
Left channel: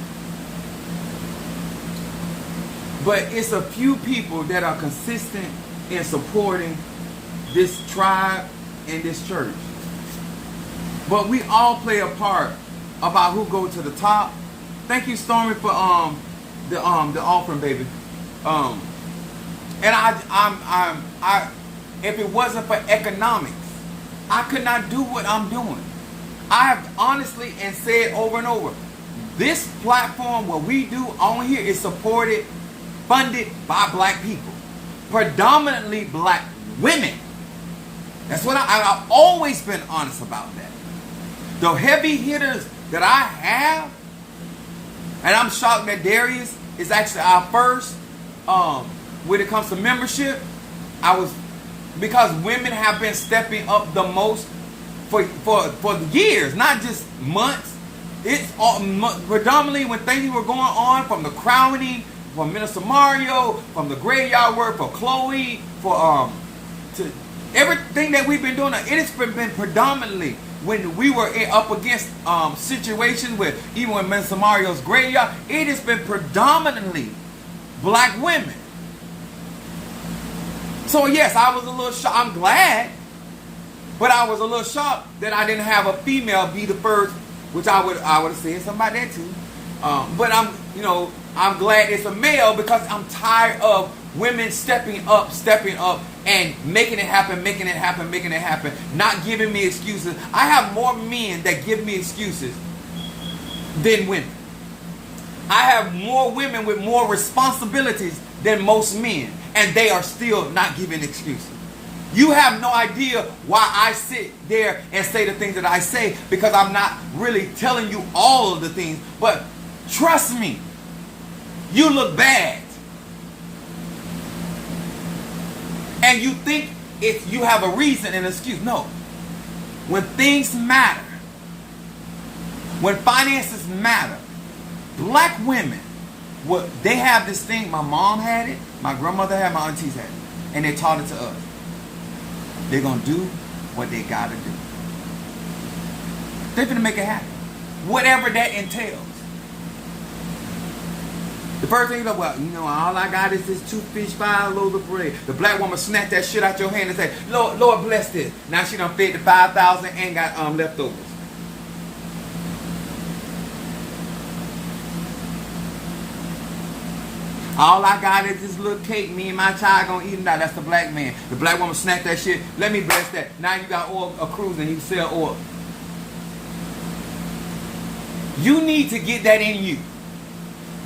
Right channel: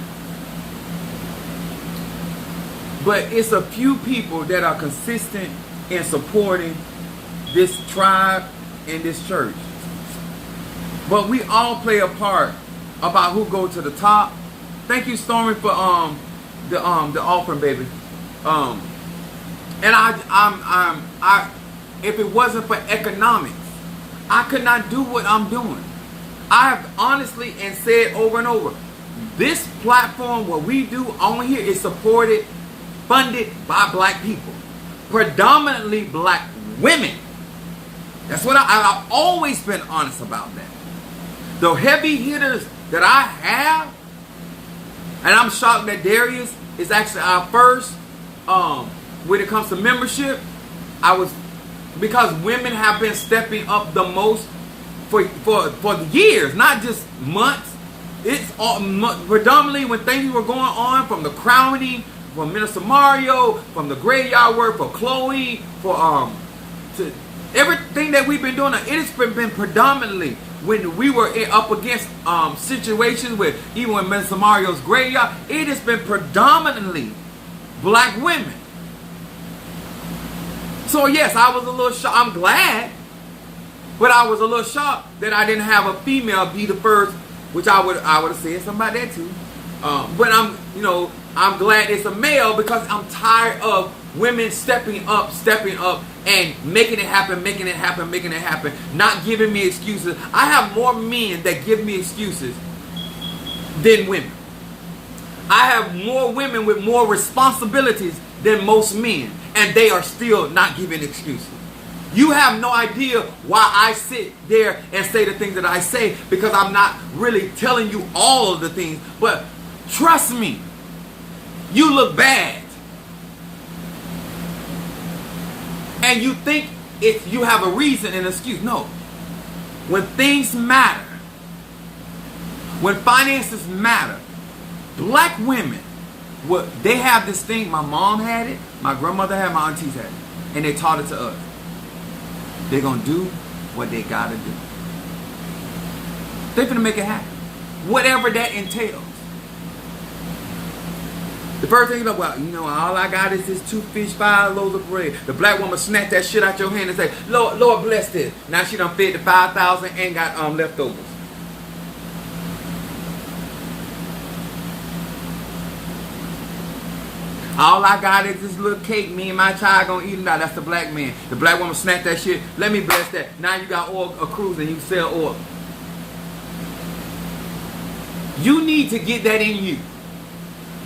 But it's a few people that are consistent in supporting this tribe and this church. But we all play a part about who go to the top. Thank you, Stormy, for the offering, baby. And I if it wasn't for economics, I could not do what I'm doing. I have honestly and said over and over, this platform, what we do on here is supported, funded by black people. Predominantly black women. That's what I've always been honest about that. The heavy hitters that I have, and I'm shocked that Darius is actually our first when it comes to membership. Because women have been stepping up the most for the years, not just months. It's predominantly when things were going on, from the crowning, from Minister Mario, from the graveyard work, for Chloe, for to everything that we've been doing. It has been predominantly when we were up against situations with, even when Minister Mario's graveyard, it has been predominantly black women. So yes, I was a little shocked. I'm glad, but I was a little shocked that I didn't have a female be the first, which I would have said something about that too. But I'm glad it's a male, because I'm tired of women stepping up and making it happen, not giving me excuses. I have more men that give me excuses than women. I have more women with more responsibilities than most men, and they are still not giving excuses. You have no idea why I sit there and say the things that I say, because I'm not really telling you all of the things. But trust me, you look bad. And you think you have a reason and excuse. No. When things matter, when finances matter, black women, they have this thing. My mom had it, my grandmother had it, my aunties had it, and they taught it to us. They're going to do what they got to do. They're going to make it happen. Whatever that entails. The first thing, all I got is this 2 fish, 5 loaves of bread. The black woman snatch that shit out your hand and say, Lord bless this. Now she done fed the 5,000 and got leftovers. All I got is this little cake. Me and my child gonna eat it now. That's the black man. The black woman snatched that shit. Let me bless that. Now you got oil, a cruise, and you sell oil. You need to get that in you.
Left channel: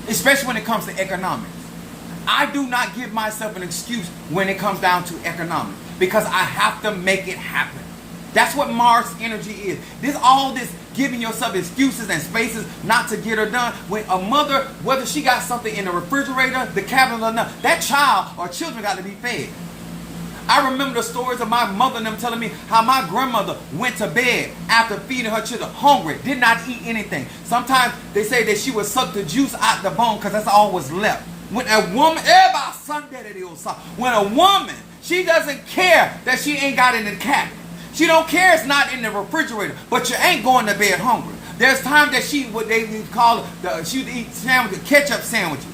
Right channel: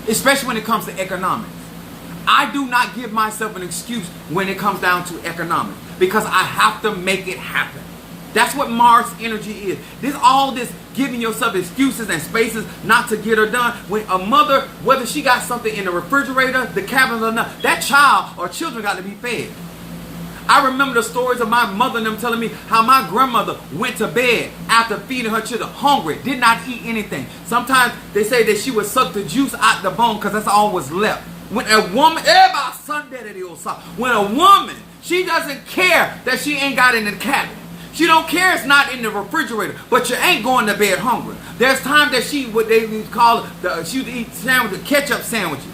Especially when it comes to economics. I do not give myself an excuse when it comes down to economics, because I have to make it happen. That's what Mars energy is. All this giving yourself excuses and spaces not to get her done. When a mother, whether she got something in the refrigerator, the cabinet or not, that child or children got to be fed. I remember the stories of my mother and them telling me how my grandmother went to bed after feeding her children, hungry, did not eat anything. Sometimes they say that she would suck the juice out the bone because that's all was left. When a woman, she doesn't care that she ain't got it in the cabinet. She don't care it's not in the refrigerator, but you ain't going to bed hungry. There's times that she would eat sandwiches, ketchup sandwiches.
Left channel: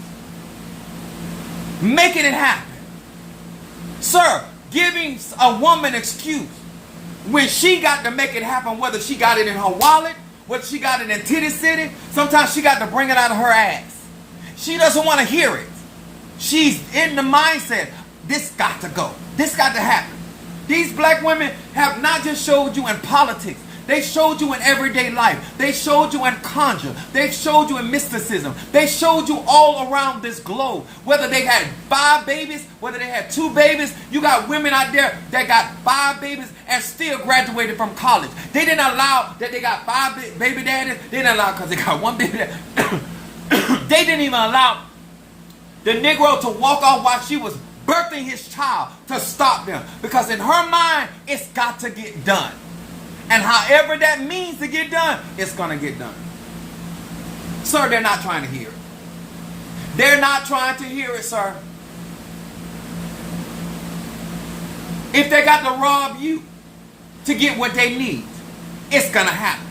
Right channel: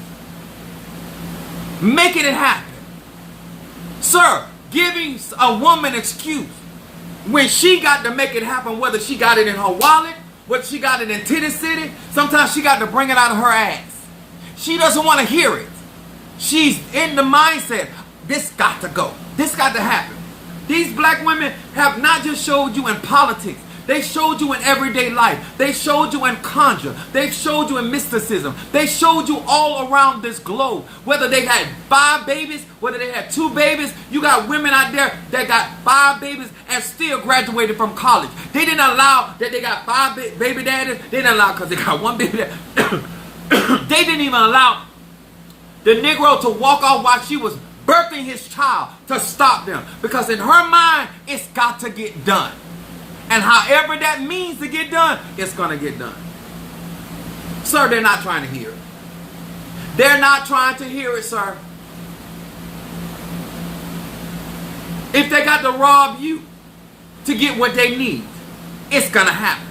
Making it happen. Sir, giving a woman excuse when she got to make it happen, whether she got it in her wallet, whether she got it in Titty City, sometimes she got to bring it out of her ass. She doesn't want to hear it. She's in the mindset, this got to go. This got to happen. These black women have not just showed you in politics. They showed you in everyday life. They showed you in conjure. They showed you in mysticism. They showed you all around this globe. Whether they had 5 babies, whether they had 2 babies. You got women out there that got 5 babies and still graduated from college. They didn't allow that they got 5 baby daddies. They didn't allow because they got 1 baby daddy. They didn't even allow the Negro to walk off while she was birthing his child to stop them. Because in her mind, it's got to get done. And however that means to get done, it's going to get done. Sir, they're not trying to hear it. They're not trying to hear it, sir. If they got to rob you to get what they need, it's going to happen.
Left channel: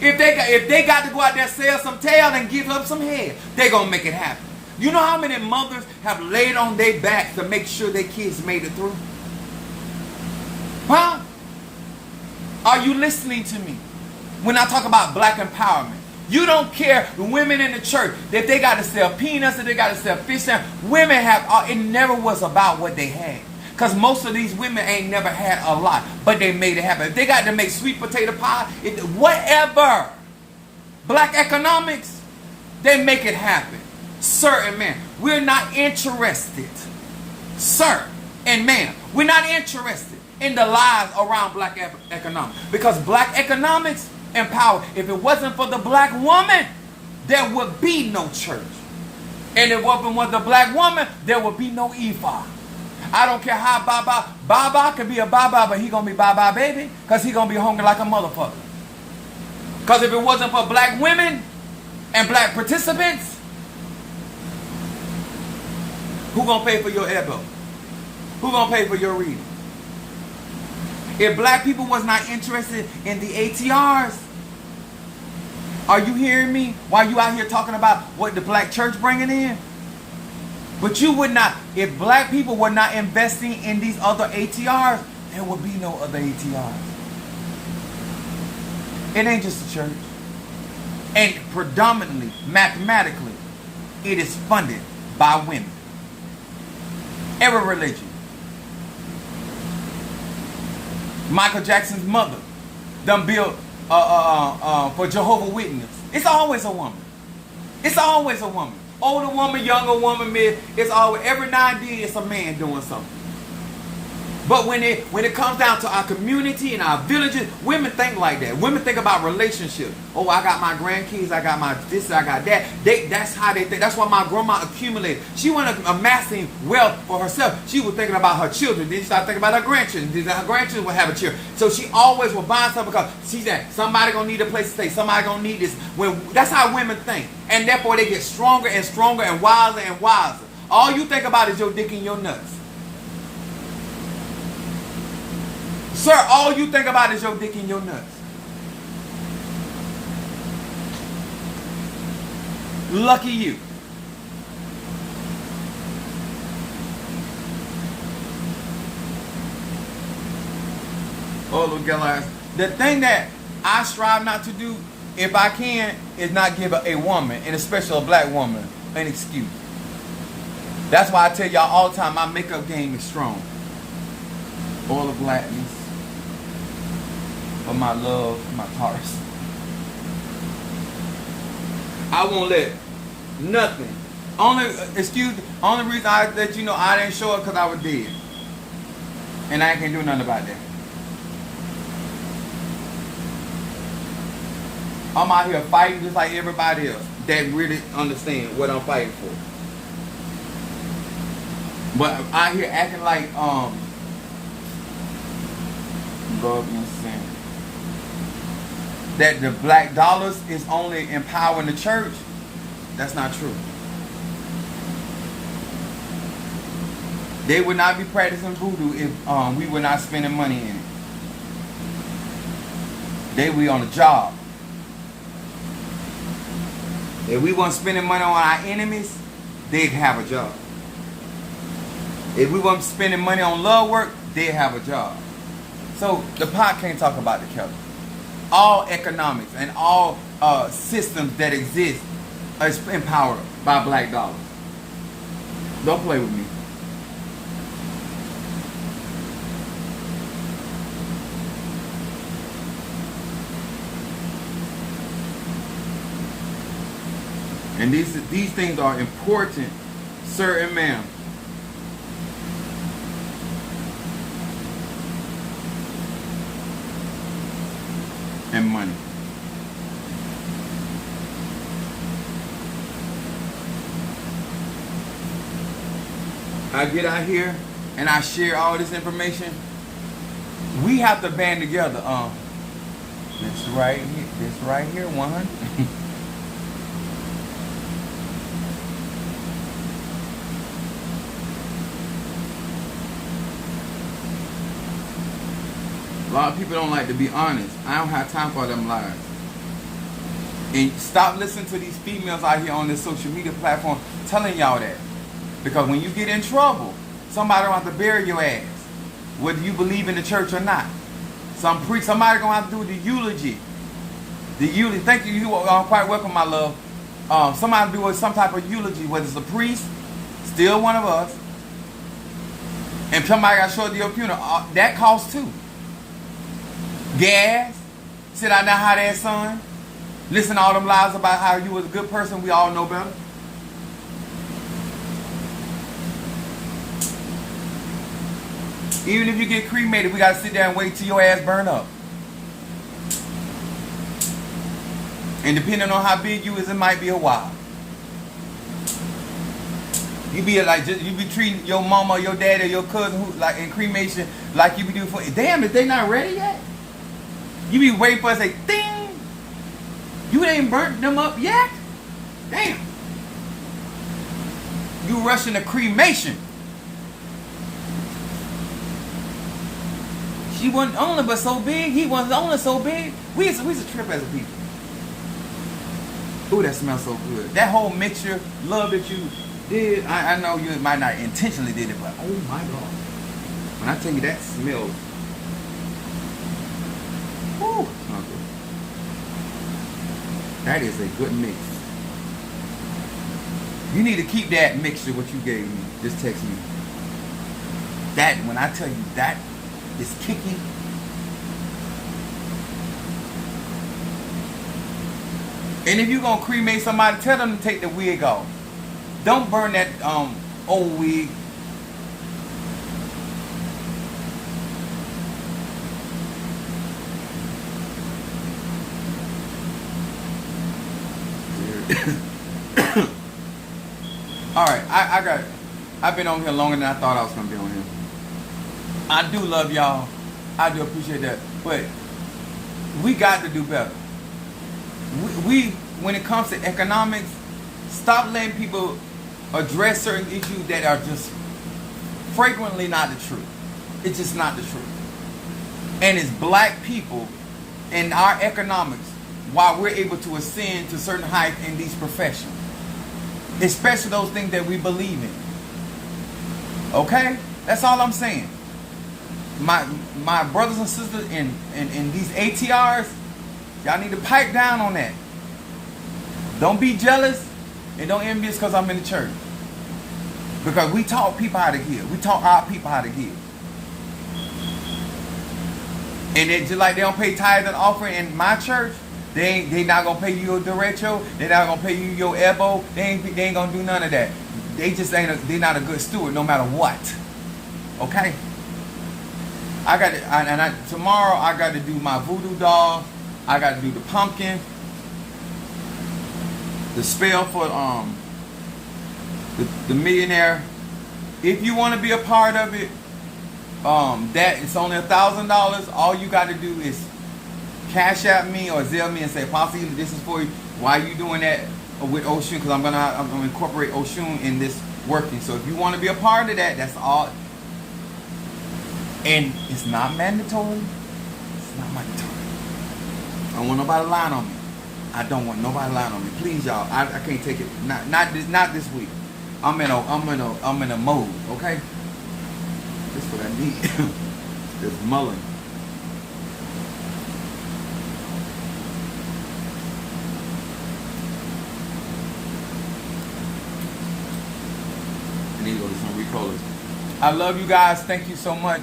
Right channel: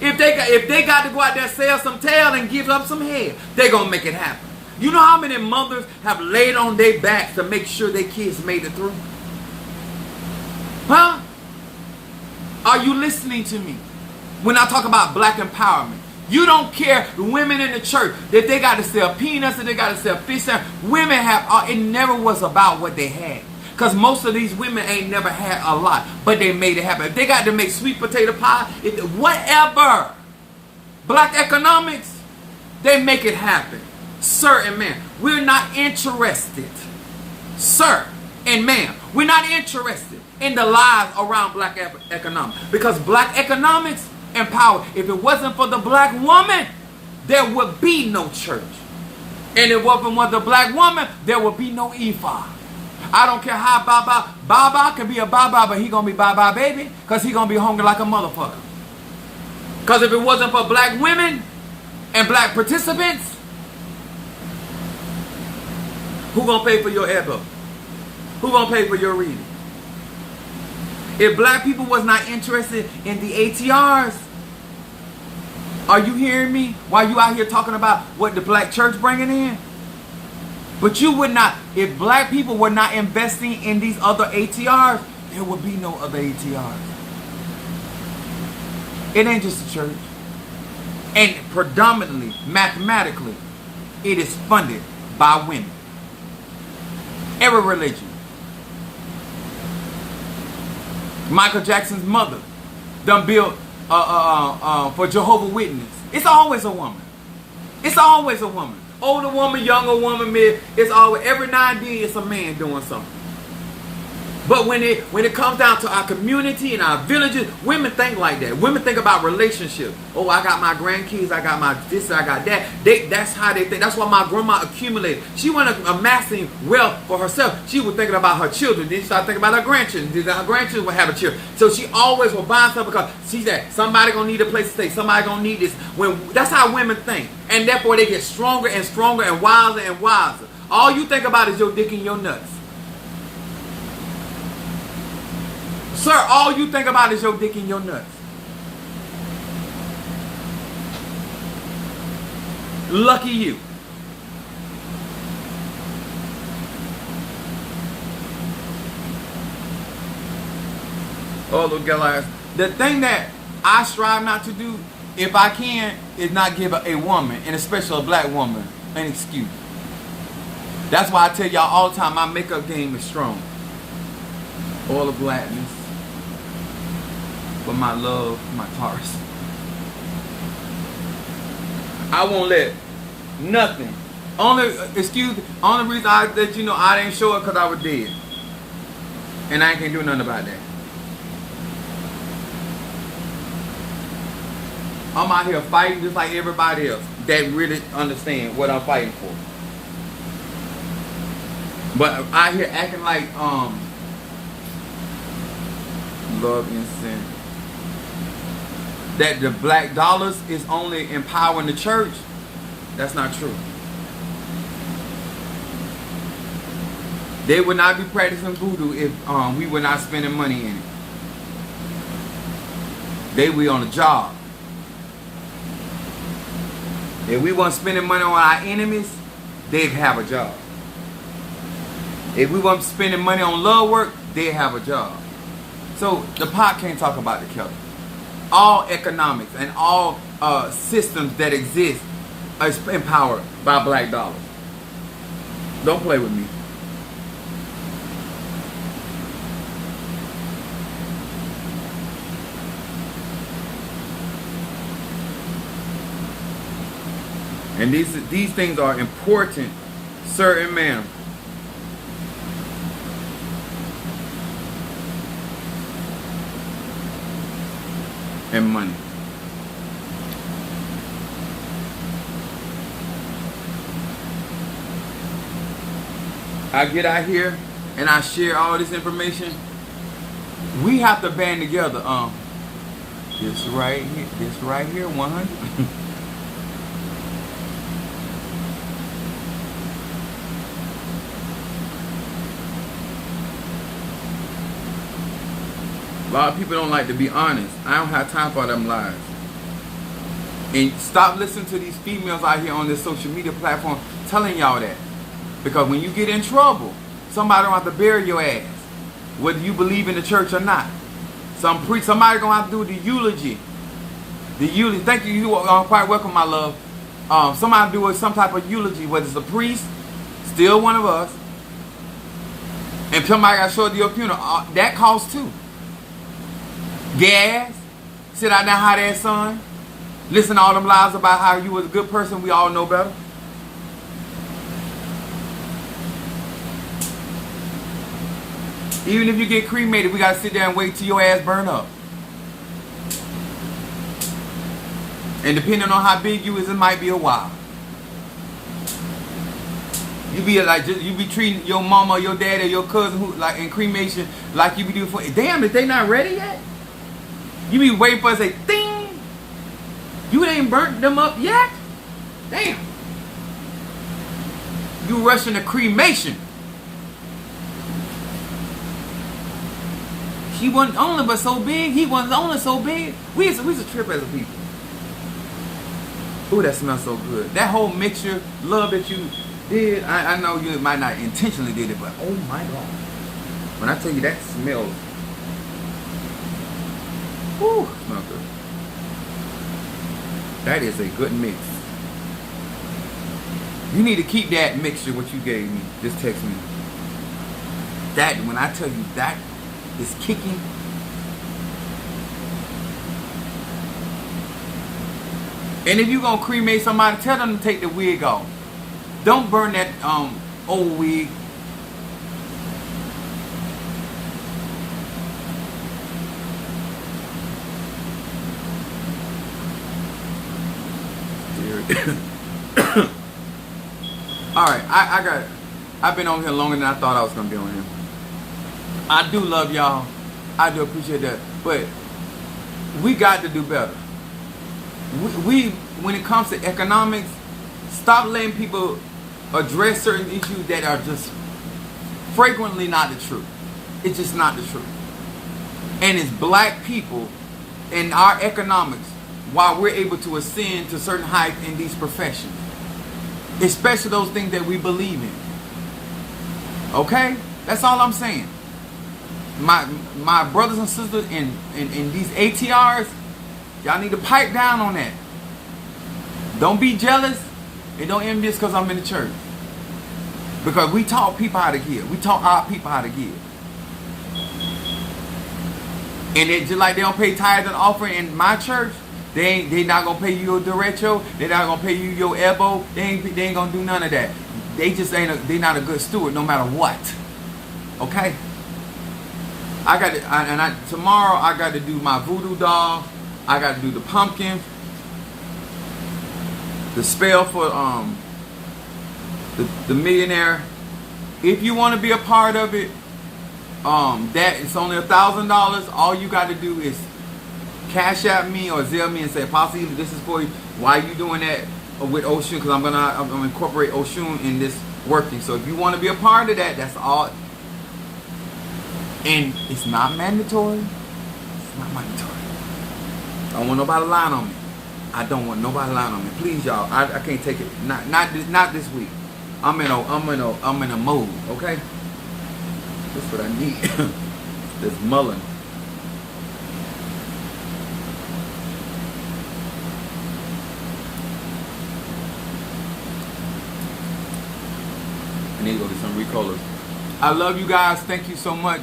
If they got to go out there and sell some tail and give up some head, they're going to make it happen. You know how many mothers have laid on their backs to make sure their kids made it through? Huh? Are you listening to me? When I talk about black empowerment, you don't care the women in the church, if they got to sell peanuts, if they got to sell fish, women have, it never was about what they had. Because most of these women ain't never had a lot, but they made it happen. If they got to make sweet potato pie, whatever, black economics, they make it happen. Sir and ma'am, we're not interested. Sir and ma'am, we're not interested in the lies around black economics. Because black economics and power, if it wasn't for the black woman, there would be no church. And if it wasn't for the black woman, there would be no ephod. I don't care how Baba can be a Baba, but he going to be Baba baby, because he going to be hungry like a motherfucker. Because if it wasn't for black women and black participants, who gonna pay for your elbow? Who gonna pay for your reading? If black people was not interested in the ATRS, are you hearing me? While you out here talking about what the black church bringing in? But you would not, if black people were not investing in these other ATRs, there would be no other ATRs. It ain't just the church. And predominantly, mathematically, it is funded by women. Every religion. Michael Jackson's mother done built for Jehovah's Witness. It's always a woman. It's always a woman. Older woman, younger woman, mid. It's always, every now and then it's a man doing something. But when it comes down to our community and our villages, women think like that. Women think about relationships. Oh, I got my grandkids, I got my this, I got that. That's how they think. That's why my grandma accumulated. She wasn't amassing wealth for herself. She was thinking about her children. Then she started thinking about her grandchildren. Then her grandchildren would have a children. So she always will buy stuff because she said, somebody gonna need a place to stay. Somebody gonna need this. That's how women think. And therefore they get stronger and stronger and wiser and wiser. All you think about is your dick and your nuts. Sir, all you think about is your dick and your nuts. Lucky you. Oh, look, guys. The thing that I strive not to do, if I can, is not give a woman, and especially a black woman, an excuse. That's why I tell y'all all the time my makeup game is strong. All the blackness. For my love, my ATRS. I won't let nothing. Only reason I let you know I didn't show it because I was dead. And I can't do nothing about that. I'm out here fighting just like everybody else that really understand what I'm fighting for. But out here acting like love and sin. That the black dollars is only empowering the church, that's not true. They would not be practicing voodoo if we were not spending money in it. They would be on a job. If we weren't spending money on our enemies, they'd have a job. If we weren't spending money on love work, they'd have a job. So the pot can't talk about the kettle. All economics and all systems that exist are empowered by black dollars. Don't play with me. And these things are important, sir and ma'am. And money. I get out here and I share all this information. We have to band together. This right here, 100. A lot of people don't like to be honest. I don't have time for them lies. And stop listening to these females out here on this social media platform telling y'all that. Because when you get in trouble, somebody gonna have to bury your ass, whether you believe in the church or not. Somebody gonna have to do the eulogy. The eulogy. Thank you. You are quite welcome, my love. Somebody do some type of eulogy, whether it's a priest, still one of us, and somebody got to show up to your funeral. That costs too. Gas. Sit out there, hot ass son. Listen to all them lies about how you was a good person. We all know better. Even if you get cremated, we got to sit there and wait till your ass burn up. And depending on how big you is, it might be a while. You be treating your mama, or your dad, or your cousin who like in cremation like you be doing for. Damn, if they not ready yet, you be waiting for us to say, ding. You ain't burnt them up yet. Damn. You rushing to cremation. She wasn't only but so big. He wasn't only so big. We used to trip as a people. Ooh, that smells so good. That whole mixture, love that you did. I know you might not intentionally did it, but oh my God. When I tell you that smells, whoo, smells good. That is a good mix. You need to keep that mixture, what you gave me. Just text me. That, when I tell you that is kicking. And if you're going to cremate somebody, tell them to take the wig off. Don't burn that old wig. Alright, I've been on here longer than I thought I was going to be on here. I do love y'all. I do appreciate that. But we got to do better. We when it comes to economics, stop letting people address certain issues that are just frequently not the truth. It's just not the truth. And it's black people in our economics why we're able to ascend to certain heights in these professions. Especially those things that we believe in. Okay? That's all I'm saying. My brothers and sisters in these ATRS, y'all need to pipe down on that. Don't be jealous and don't envy us because I'm in the church. Because we taught people how to give. We taught our people how to give. And it just like they don't pay tithes and offering in my church, they not gonna pay you your derecho, they not gonna pay you your elbow, they ain't gonna do none of that. They just they're not a good steward no matter what. Okay? Tomorrow I got to do my voodoo doll. I got to do the pumpkin, the spell for the millionaire. If you want to be a part of it, that it's only $1,000. All you got to do is cash at me or Zelle me and say, Apostle, this is for you. Why are you doing that with Oshun? Because I'm gonna incorporate Oshun in this working. So if you want to be a part of that, that's all. And it's not mandatory. It's not mandatory. I don't want nobody lying on me. I don't want nobody lying on me. Please, y'all. I can't take it. Not this week. I'm in a mode. Okay. This is what I need. This mullen. I need to go get some Ricola. I love you guys. Thank you so much.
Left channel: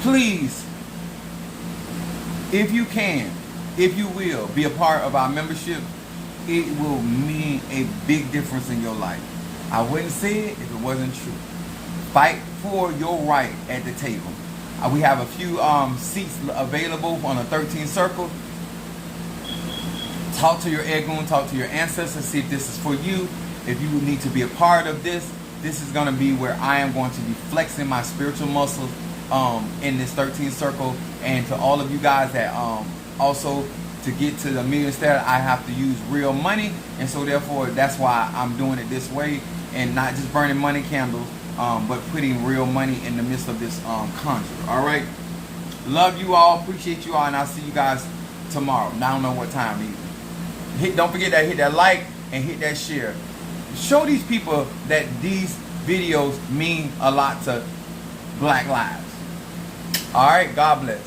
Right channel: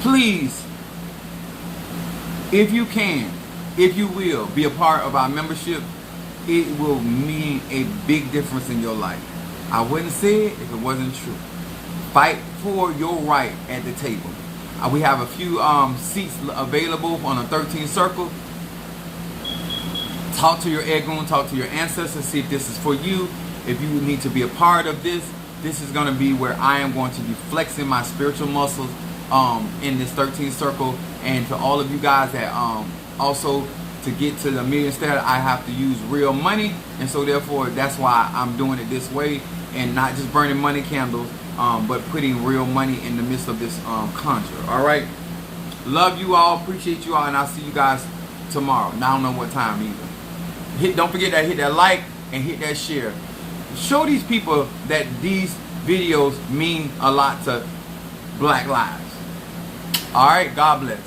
Please, if you can, if you will, be a part of our membership it will mean a big difference in your life. I wouldn't say it if it wasn't true. Fight for your right at the table. We have a few seats available on a 13 circle. Talk to your egun, talk to your ancestors, see if this is for you. If you need to be a part of this, this is going to be where I am going to be flexing my spiritual muscles in this 13 circle. And to all of you guys that also, to get to the million status, I have to use real money. And so therefore, that's why I'm doing it this way and not just burning money candles, but putting real money in the midst of this conjure. All right. Love you all. Appreciate you all. And I'll see you guys tomorrow. Now I don't know what time either. Don't forget to hit that like and hit that share. Show these people that these videos mean a lot to Black lives. All right. God bless.